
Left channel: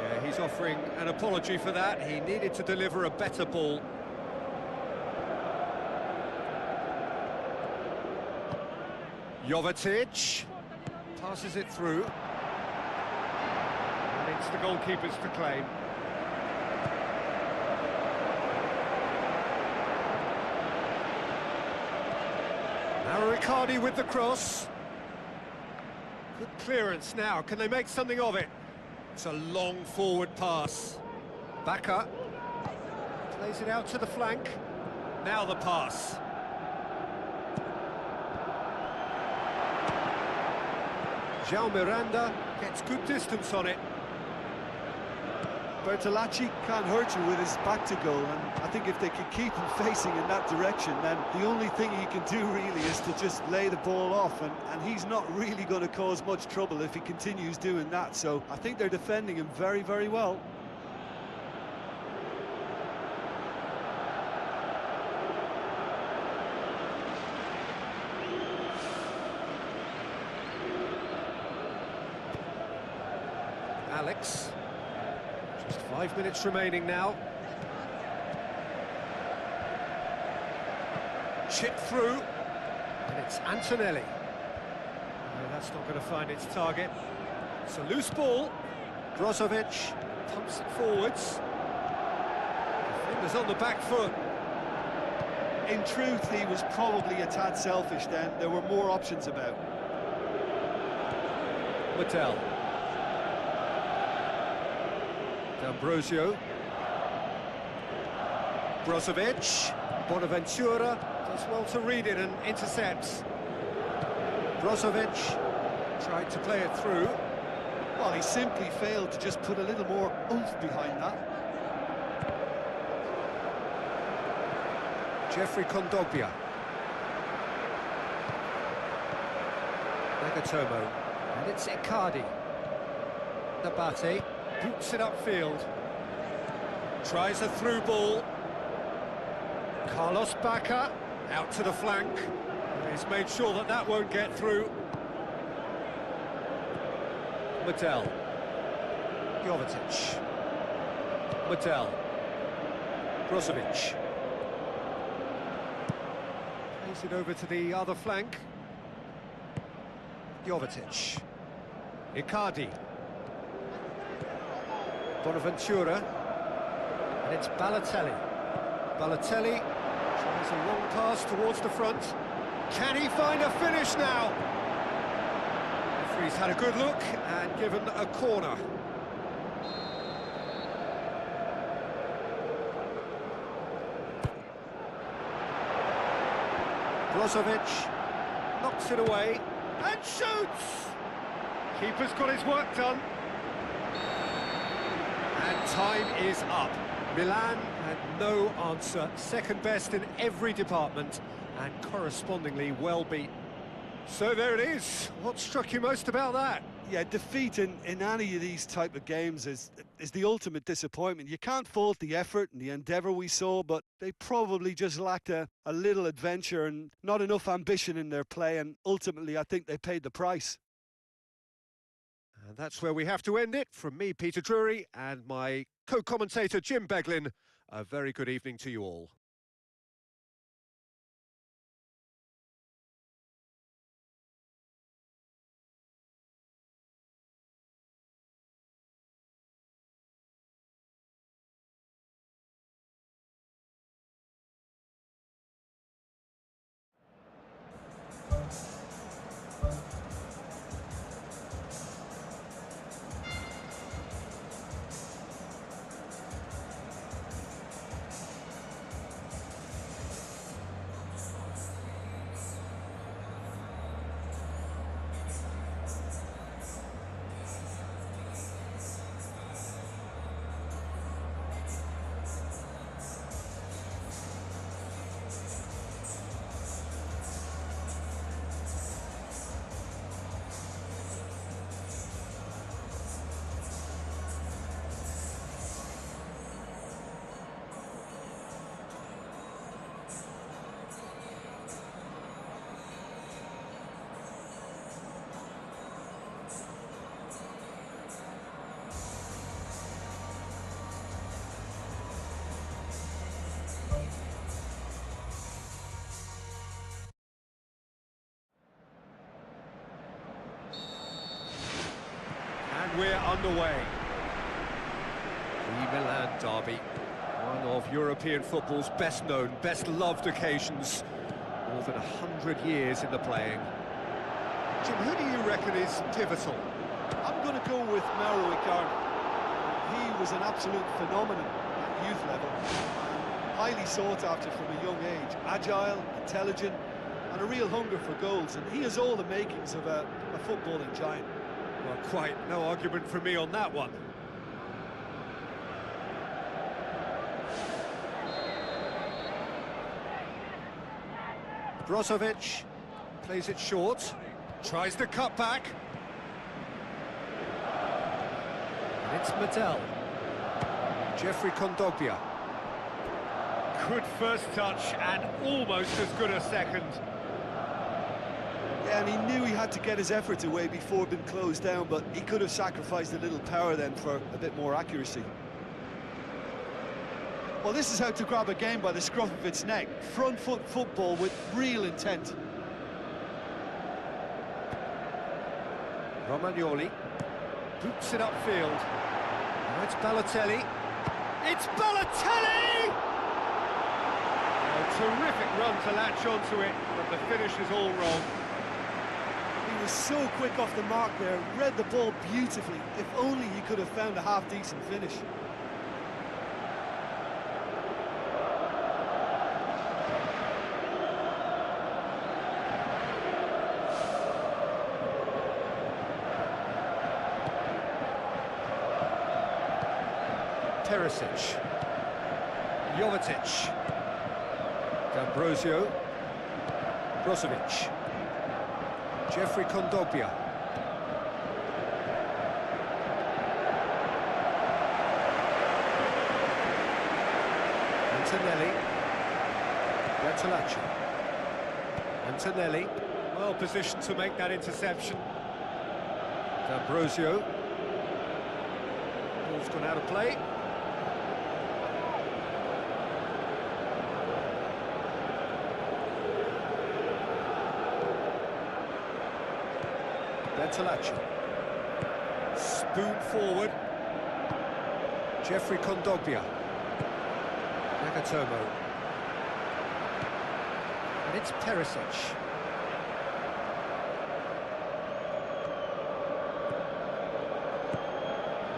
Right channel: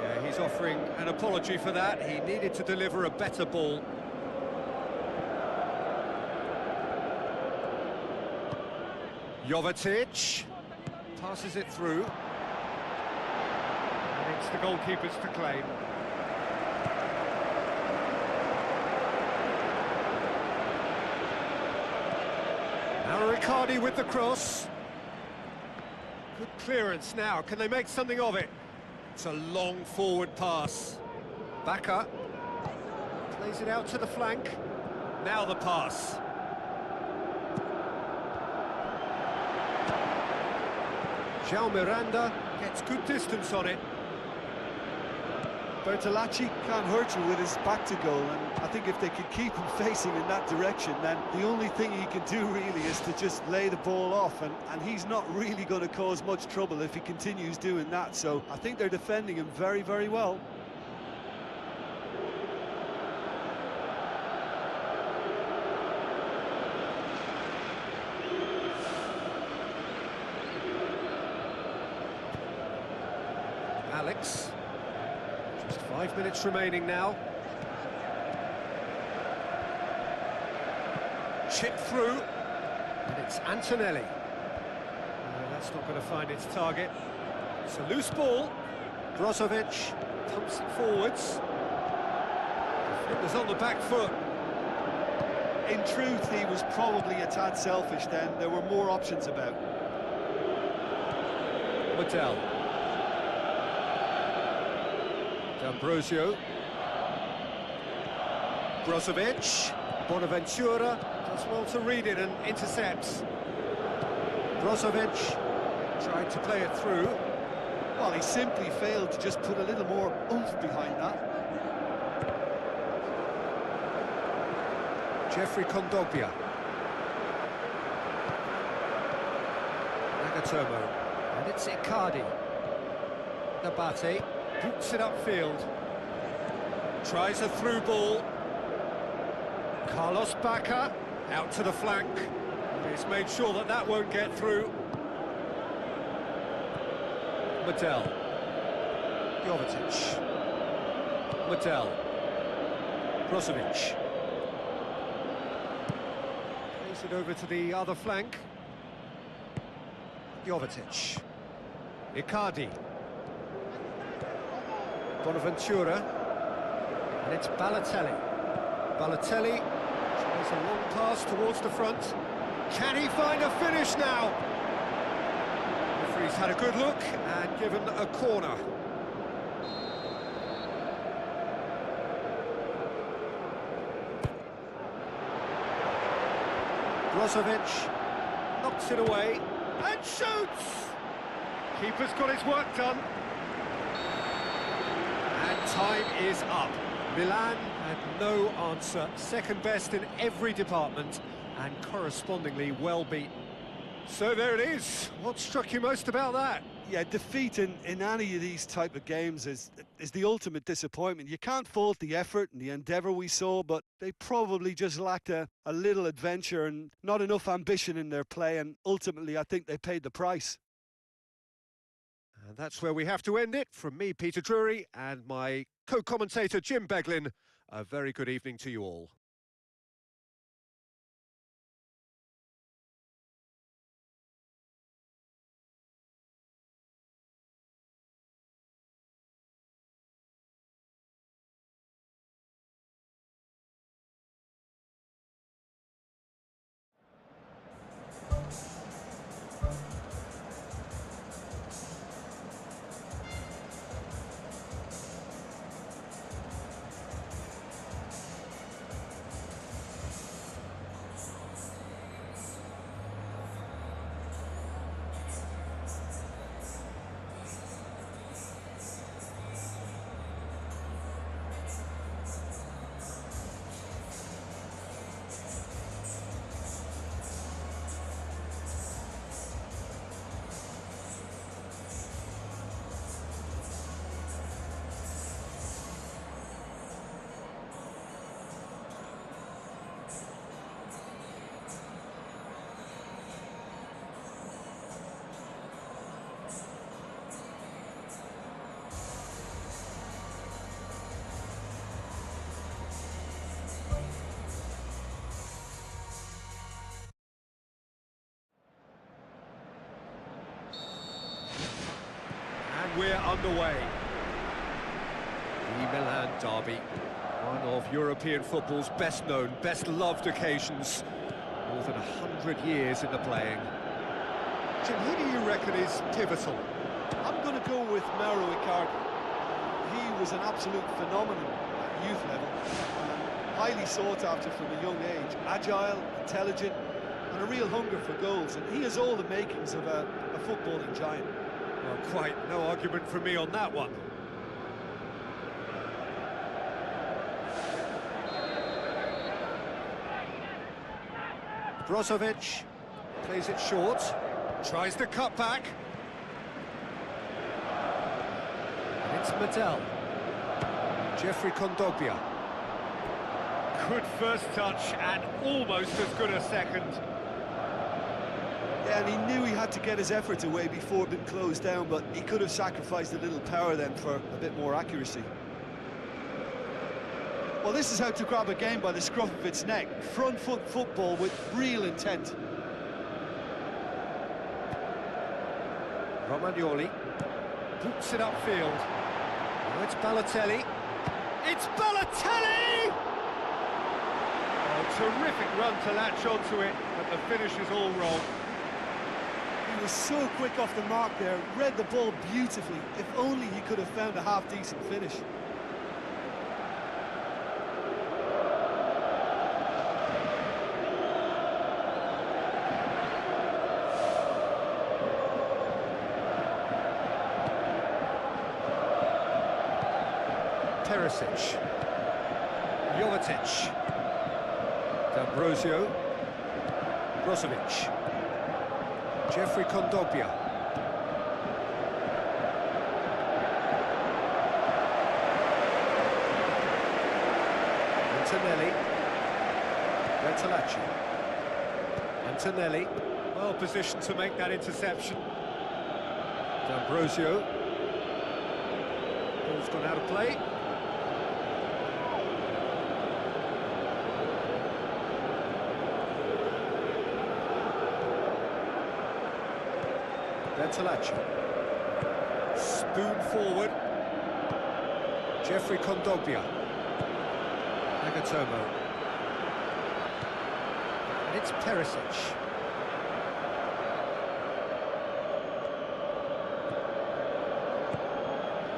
Yeah, he's offering an apology for that. He needed to deliver a better ball. Jovetic passes it through. And it's the goalkeepers to claim. Now Icardi with the cross. Good clearance now. Can they make something of it? It's a long forward pass. Bacca plays it out to the flank. Now the pass. João Miranda gets good distance on it. Bertolacci can't hurt you with his back to goal, and I think if they can keep him facing in that direction, then the only thing he can do really is to just lay the ball off, and he's not really going to cause much trouble if he continues doing that, so I think they're defending him very, very well. Alex. Just 5 minutes remaining now. Chip through, and it's Antonelli. No, that's not going to find its target. It's a loose ball. Brozovic pumps it forwards. Defender's on the back foot. In truth, he was probably a tad selfish then. There were more options about. Mattel. D'Ambrosio. Brozovic. Bonaventura does well to read it and intercepts. Brozovic. Tried to play it through. Well, he simply failed to just put a little more oomph behind that. Jeffrey Kondogbia. Nagatomo. And it's Icardi. Nabate boots it upfield. Tries a through ball. Carlos Bacca out to the flank. He's made sure that that won't get through. Medel. Jovetic. Medel. Brozovic. Plays it over to the other flank. Jovetic. Icardi. Bonaventura. And it's Balotelli. Balotelli tries a long pass towards the front. Can he find a finish now? Referee's had a good look and given a corner. Brozovic knocks it away and shoots! Keeper's got his work done. And time is up. Milan had no answer, second best in every department and correspondingly well beaten. So there it is. What struck you most about that? Yeah, defeat in any of these type of games is the ultimate disappointment. You can't fault the effort and the endeavour we saw, but they probably just lacked a little adventure and not enough ambition in their play, and ultimately I think they paid the price. And that's where we have to end it. From me, Peter Drury, and my co-commentator, Jim Beglin, a very good evening to you all. And we're underway. The Milan derby, one of European football's best known, best loved occasions. More than 100 years in the playing. Jim, who do you reckon is pivotal? I'm going to go with Mauro Icardi. He was an absolute phenomenon at youth level and highly sought after from a young age. Agile, intelligent, and a real hunger for goals, and he has all the makings of a footballing giant. Well, quite no argument from me on that one. Brozovic plays it short, tries the cut back. And it's Medel. Jeffrey Kondogbia. Good first touch and almost as good a second. Yeah, and he knew he had to get his efforts away before being closed down, but he could have sacrificed a little power then for a bit more accuracy. Well, this is how to grab a game by the scruff of its neck. Front foot football with real intent. Romagnoli boots it upfield. Now it's Balotelli. It's Balotelli! Oh, terrific run to latch onto it, but the finish is all wrong. He was so quick off the mark there, read the ball beautifully. If only he could have found a half-decent finish. Perisic. Jovetic. D'Ambrosio. Brozovic. Jeffrey Kondogbia. Antonelli. Bertolacci. Antonelli. Well positioned to make that interception. D'Ambrosio. Ball's gone out of play. Bertolacci. Spoon forward. Jeffrey Kondogbia. Nagatomo. And it's Perisic.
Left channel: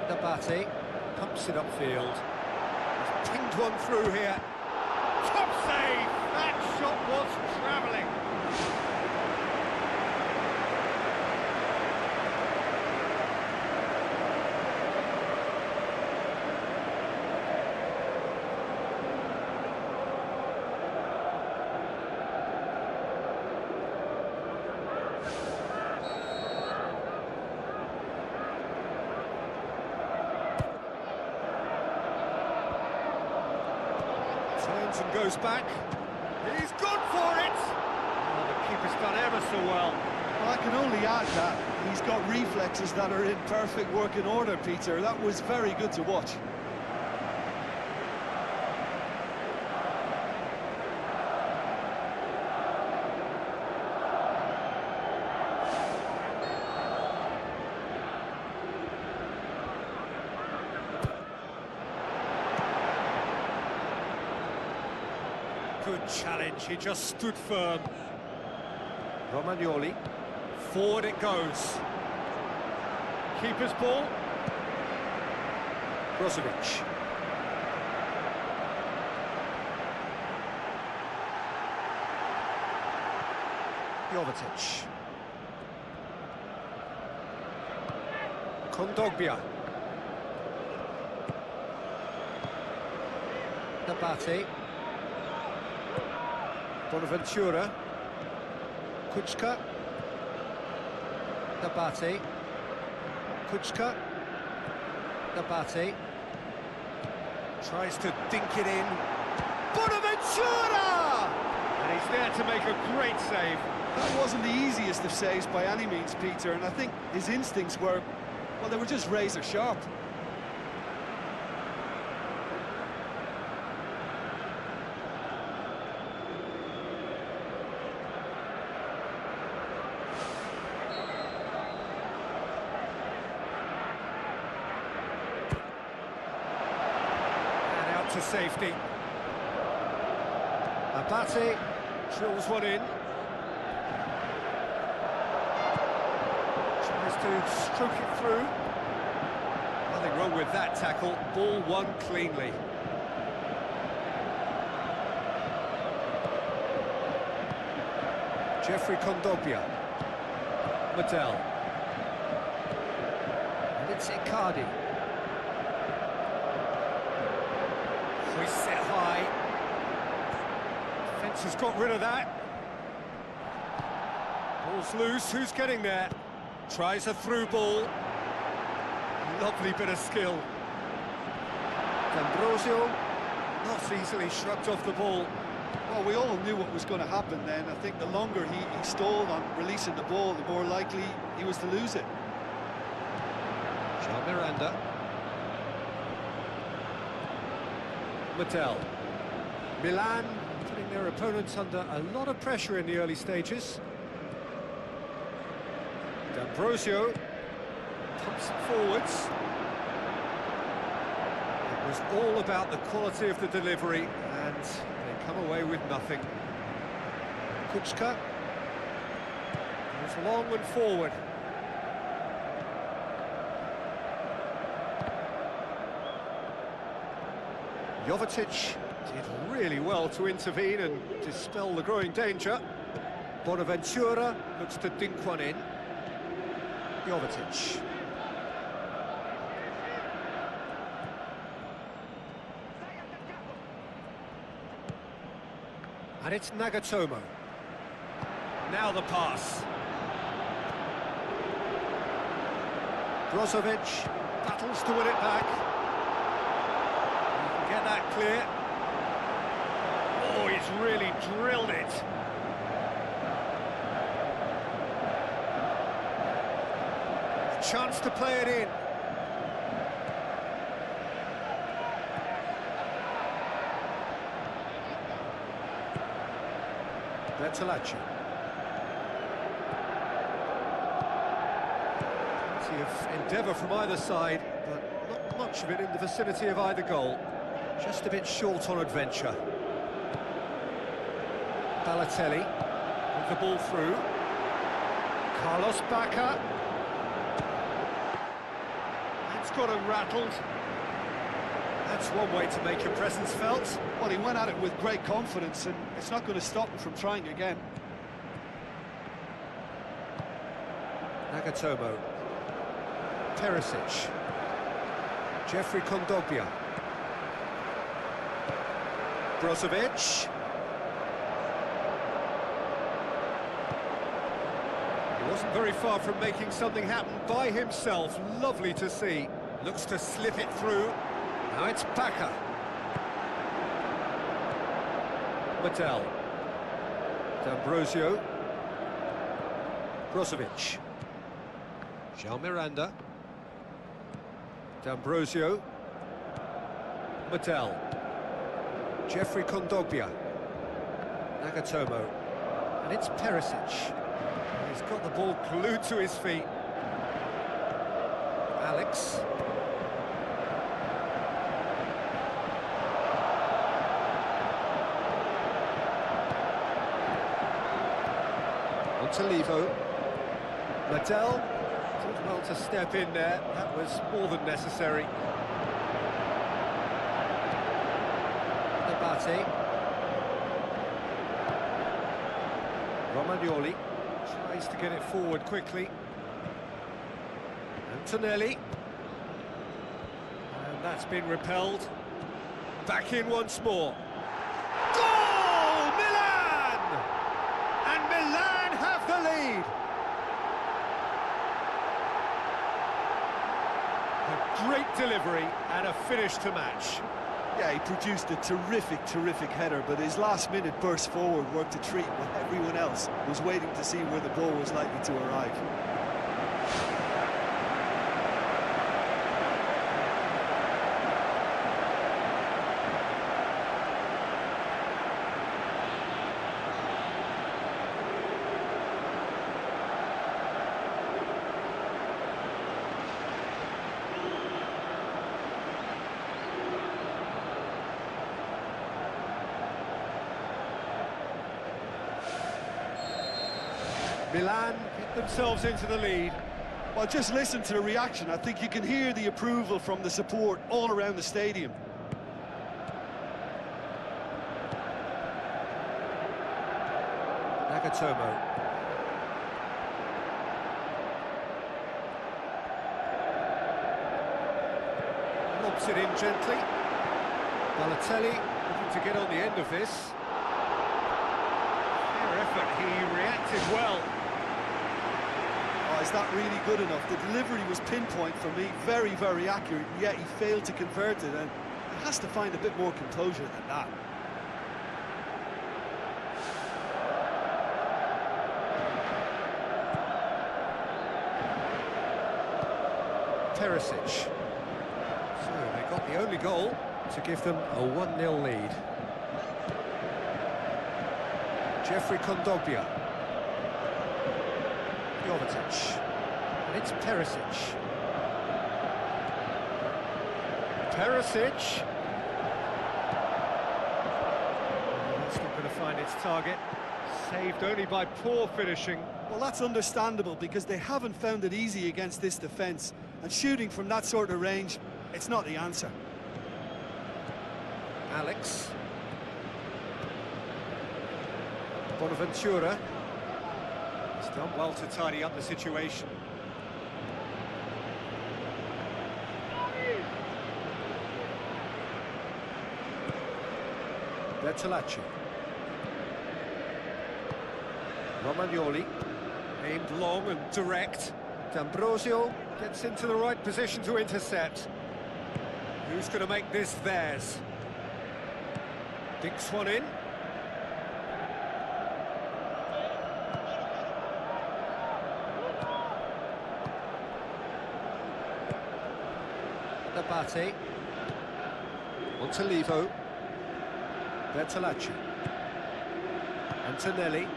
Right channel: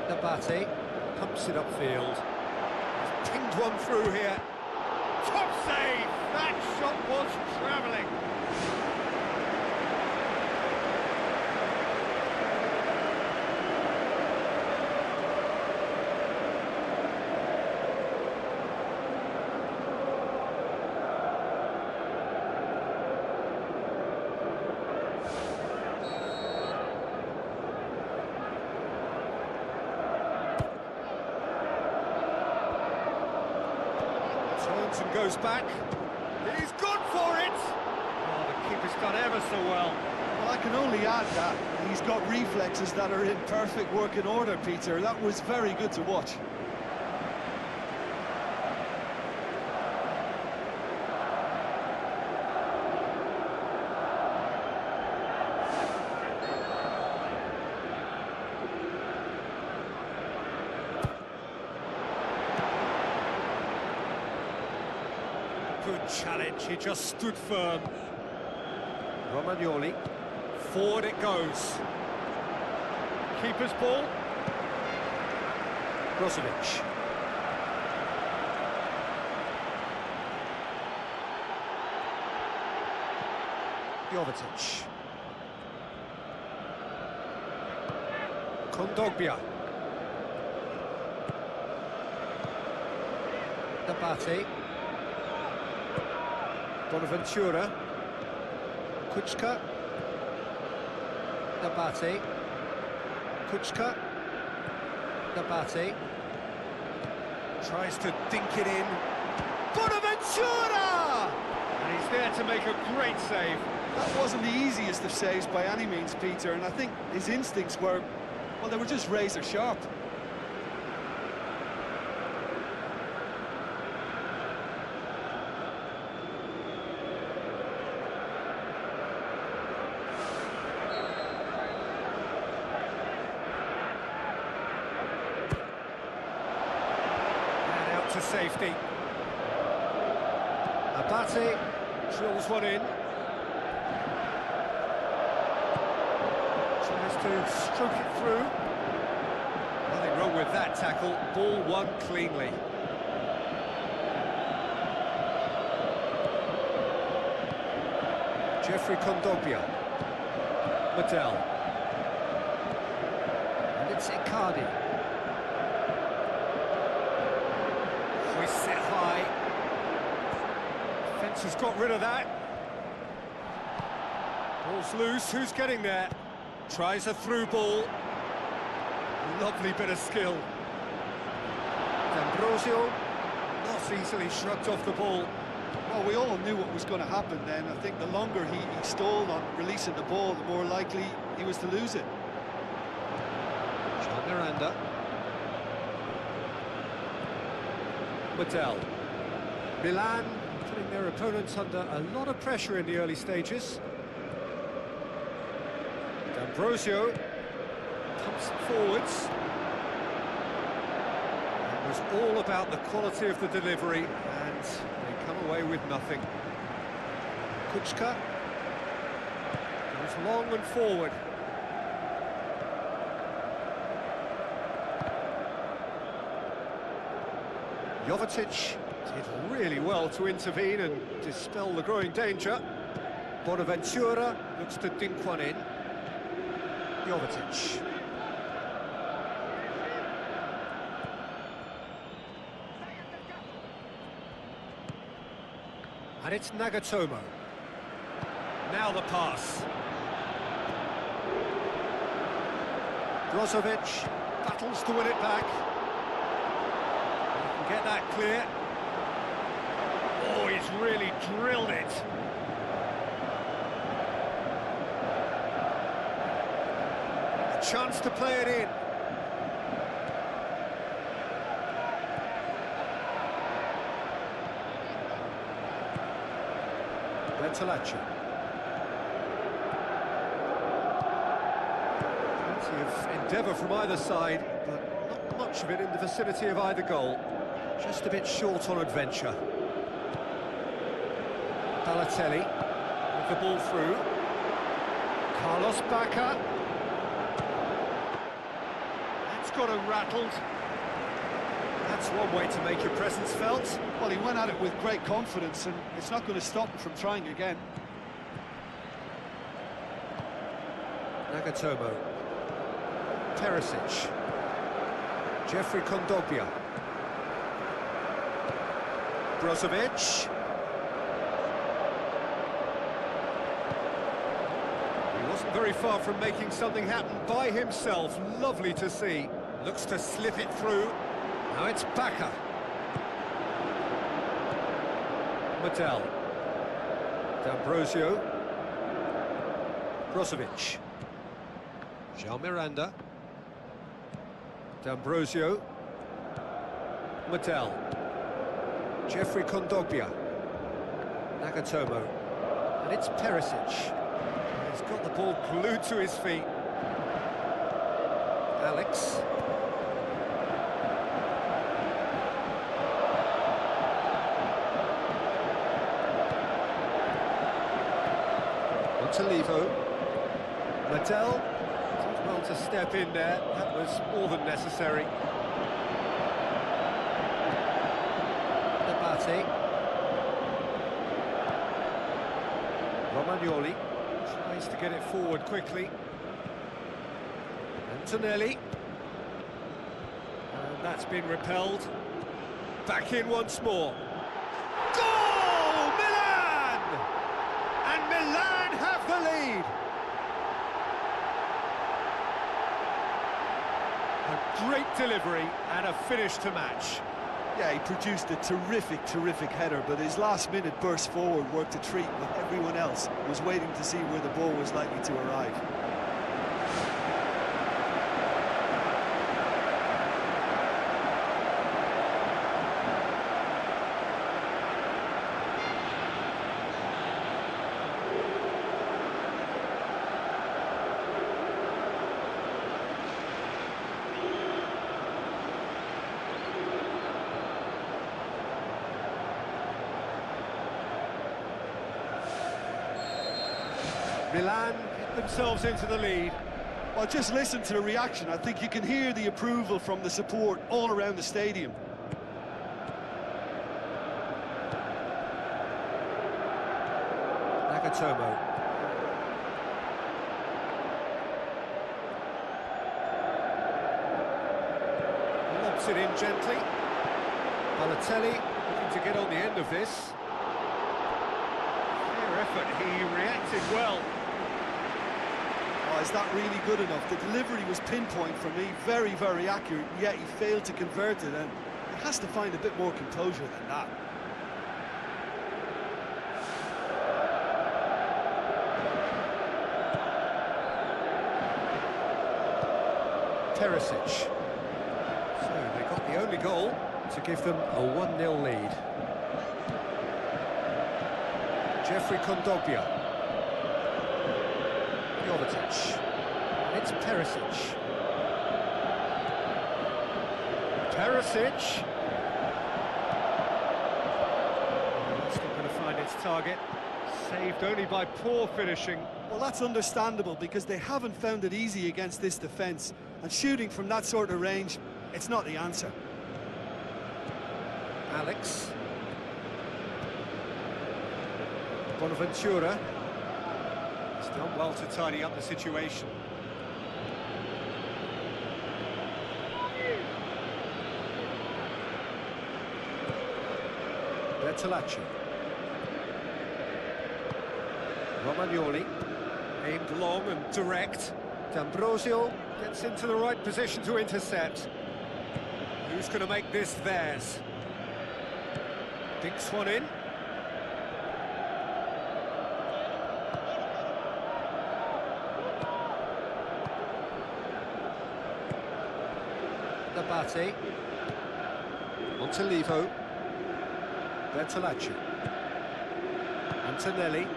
Nabate pumps it upfield. He's pinged one through here. Top save! That shot was travelling. Turns and goes back. He's gone for it! Oh, the keeper's done ever so well. Well, I can only add that he's got reflexes that are in perfect working order, Peter. That was very good to watch. Good challenge, he just stood firm. Romagnoli, forward it goes. Keeper's ball. Brozovic. Jovetic. Kondogbia. Nabate. Bonaventura. Kuczka. Nabate. Kuczka. Nabate. Tries to dink it in. Bonaventura! And he's there to make a great save. That wasn't the easiest of saves by any means, Peter, and I think his instincts were, well, they were just razor sharp. To safety. Abate drills one in. Tries to stroke it through. Nothing wrong with that tackle. Ball won cleanly. Jeffrey Kondogbia. Medel. And it's Icardi. Hoists it high. Defence has got rid of that. Ball's loose, who's getting there? Tries a through ball. Lovely bit of skill. D'Ambrosio not easily shrugged off the ball. Well, we all knew what was going to happen then. I think the longer he stalled on releasing the ball, the more likely he was to lose it. John Miranda. Medel. Milan putting their opponents under a lot of pressure in the early stages. D'Ambrosio pumps it forwards. It was all about the quality of the delivery, and they come away with nothing. Kuczka goes long and forward. Jovetic did really well to intervene and dispel the growing danger. Bonaventura looks to dink one in. Jovetic. And it's Nagatomo. Now the pass. Brozovic battles to win it back. He can get that clear. Oh, he's really drilled it. A chance to play it in. Bertolacci. Plenty of endeavour from either side, but not much of it in the vicinity of either goal. Just a bit short on adventure. Balotelli with the ball through. Carlos Bacca. That's got him rattled. That's one way to make your presence felt. Well, he went at it with great confidence, and it's not going to stop him from trying again. Nagatomo. Perisic. Jeffrey Kondogbia. Brozovic. He wasn't very far from making something happen by himself. Lovely to see. Looks to slip it through. Now it's Bacca. Mattel. D'Ambrosio. Brozovic. Jean Miranda. D'Ambrosio. Mattel. Jeffrey Kondogbia. Nagatomo. And it's Perisic. He's got the ball glued to his feet. Alex. Montalivo. Mattel did well to step in there. That was more than necessary. Nabate. Romagnoli tries to get it forward quickly. Antonelli. And that's been repelled. Back in once more. Goal! Milan! And Milan have the lead. A great delivery and a finish to match. Yeah, he produced a terrific header, but his last-minute burst forward worked a treat when everyone else was waiting to see where the ball was likely to arrive. Milan get themselves into the lead. Well, just listen to the reaction. I think you can hear the approval from the support all around the stadium. Nagatomo. Lobs it in gently. Balotelli looking to get on the end of this. Fair effort, he reacted well. Oh, is that really good enough? The delivery was pinpoint for me, very accurate, and yet he failed to convert it, and he has to find a bit more composure than that. Perisic. So they got the only goal to give them a 1-0 lead. Jeffrey Kondogbia. Jovetic. And it's Perisic. Perisic. Oh, that's not going to find its target. Saved only by poor finishing. Well, that's understandable because they haven't found it easy against this defence, and shooting from that sort of range, it's not the answer. Alex. Bonaventura. He's done well to tidy up the situation. Bertolacci. Romagnoli, aimed long and direct. D'Ambrosio gets into the right position to intercept. Who's going to make this theirs? Dinks one in. Nabate. Montalivo. Bertolacci. Antonelli.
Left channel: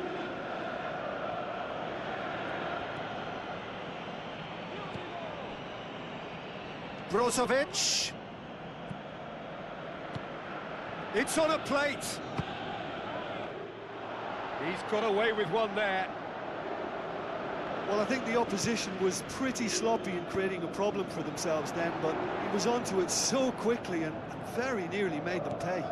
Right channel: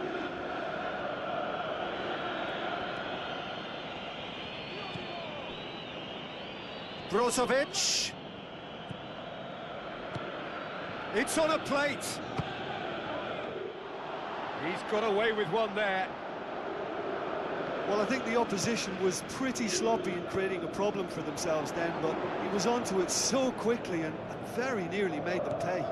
Brozovic. It's on a plate. He's got away with one there. Well, I think the opposition was pretty sloppy in creating a problem for themselves then, but he was onto it so quickly and very nearly made them pay.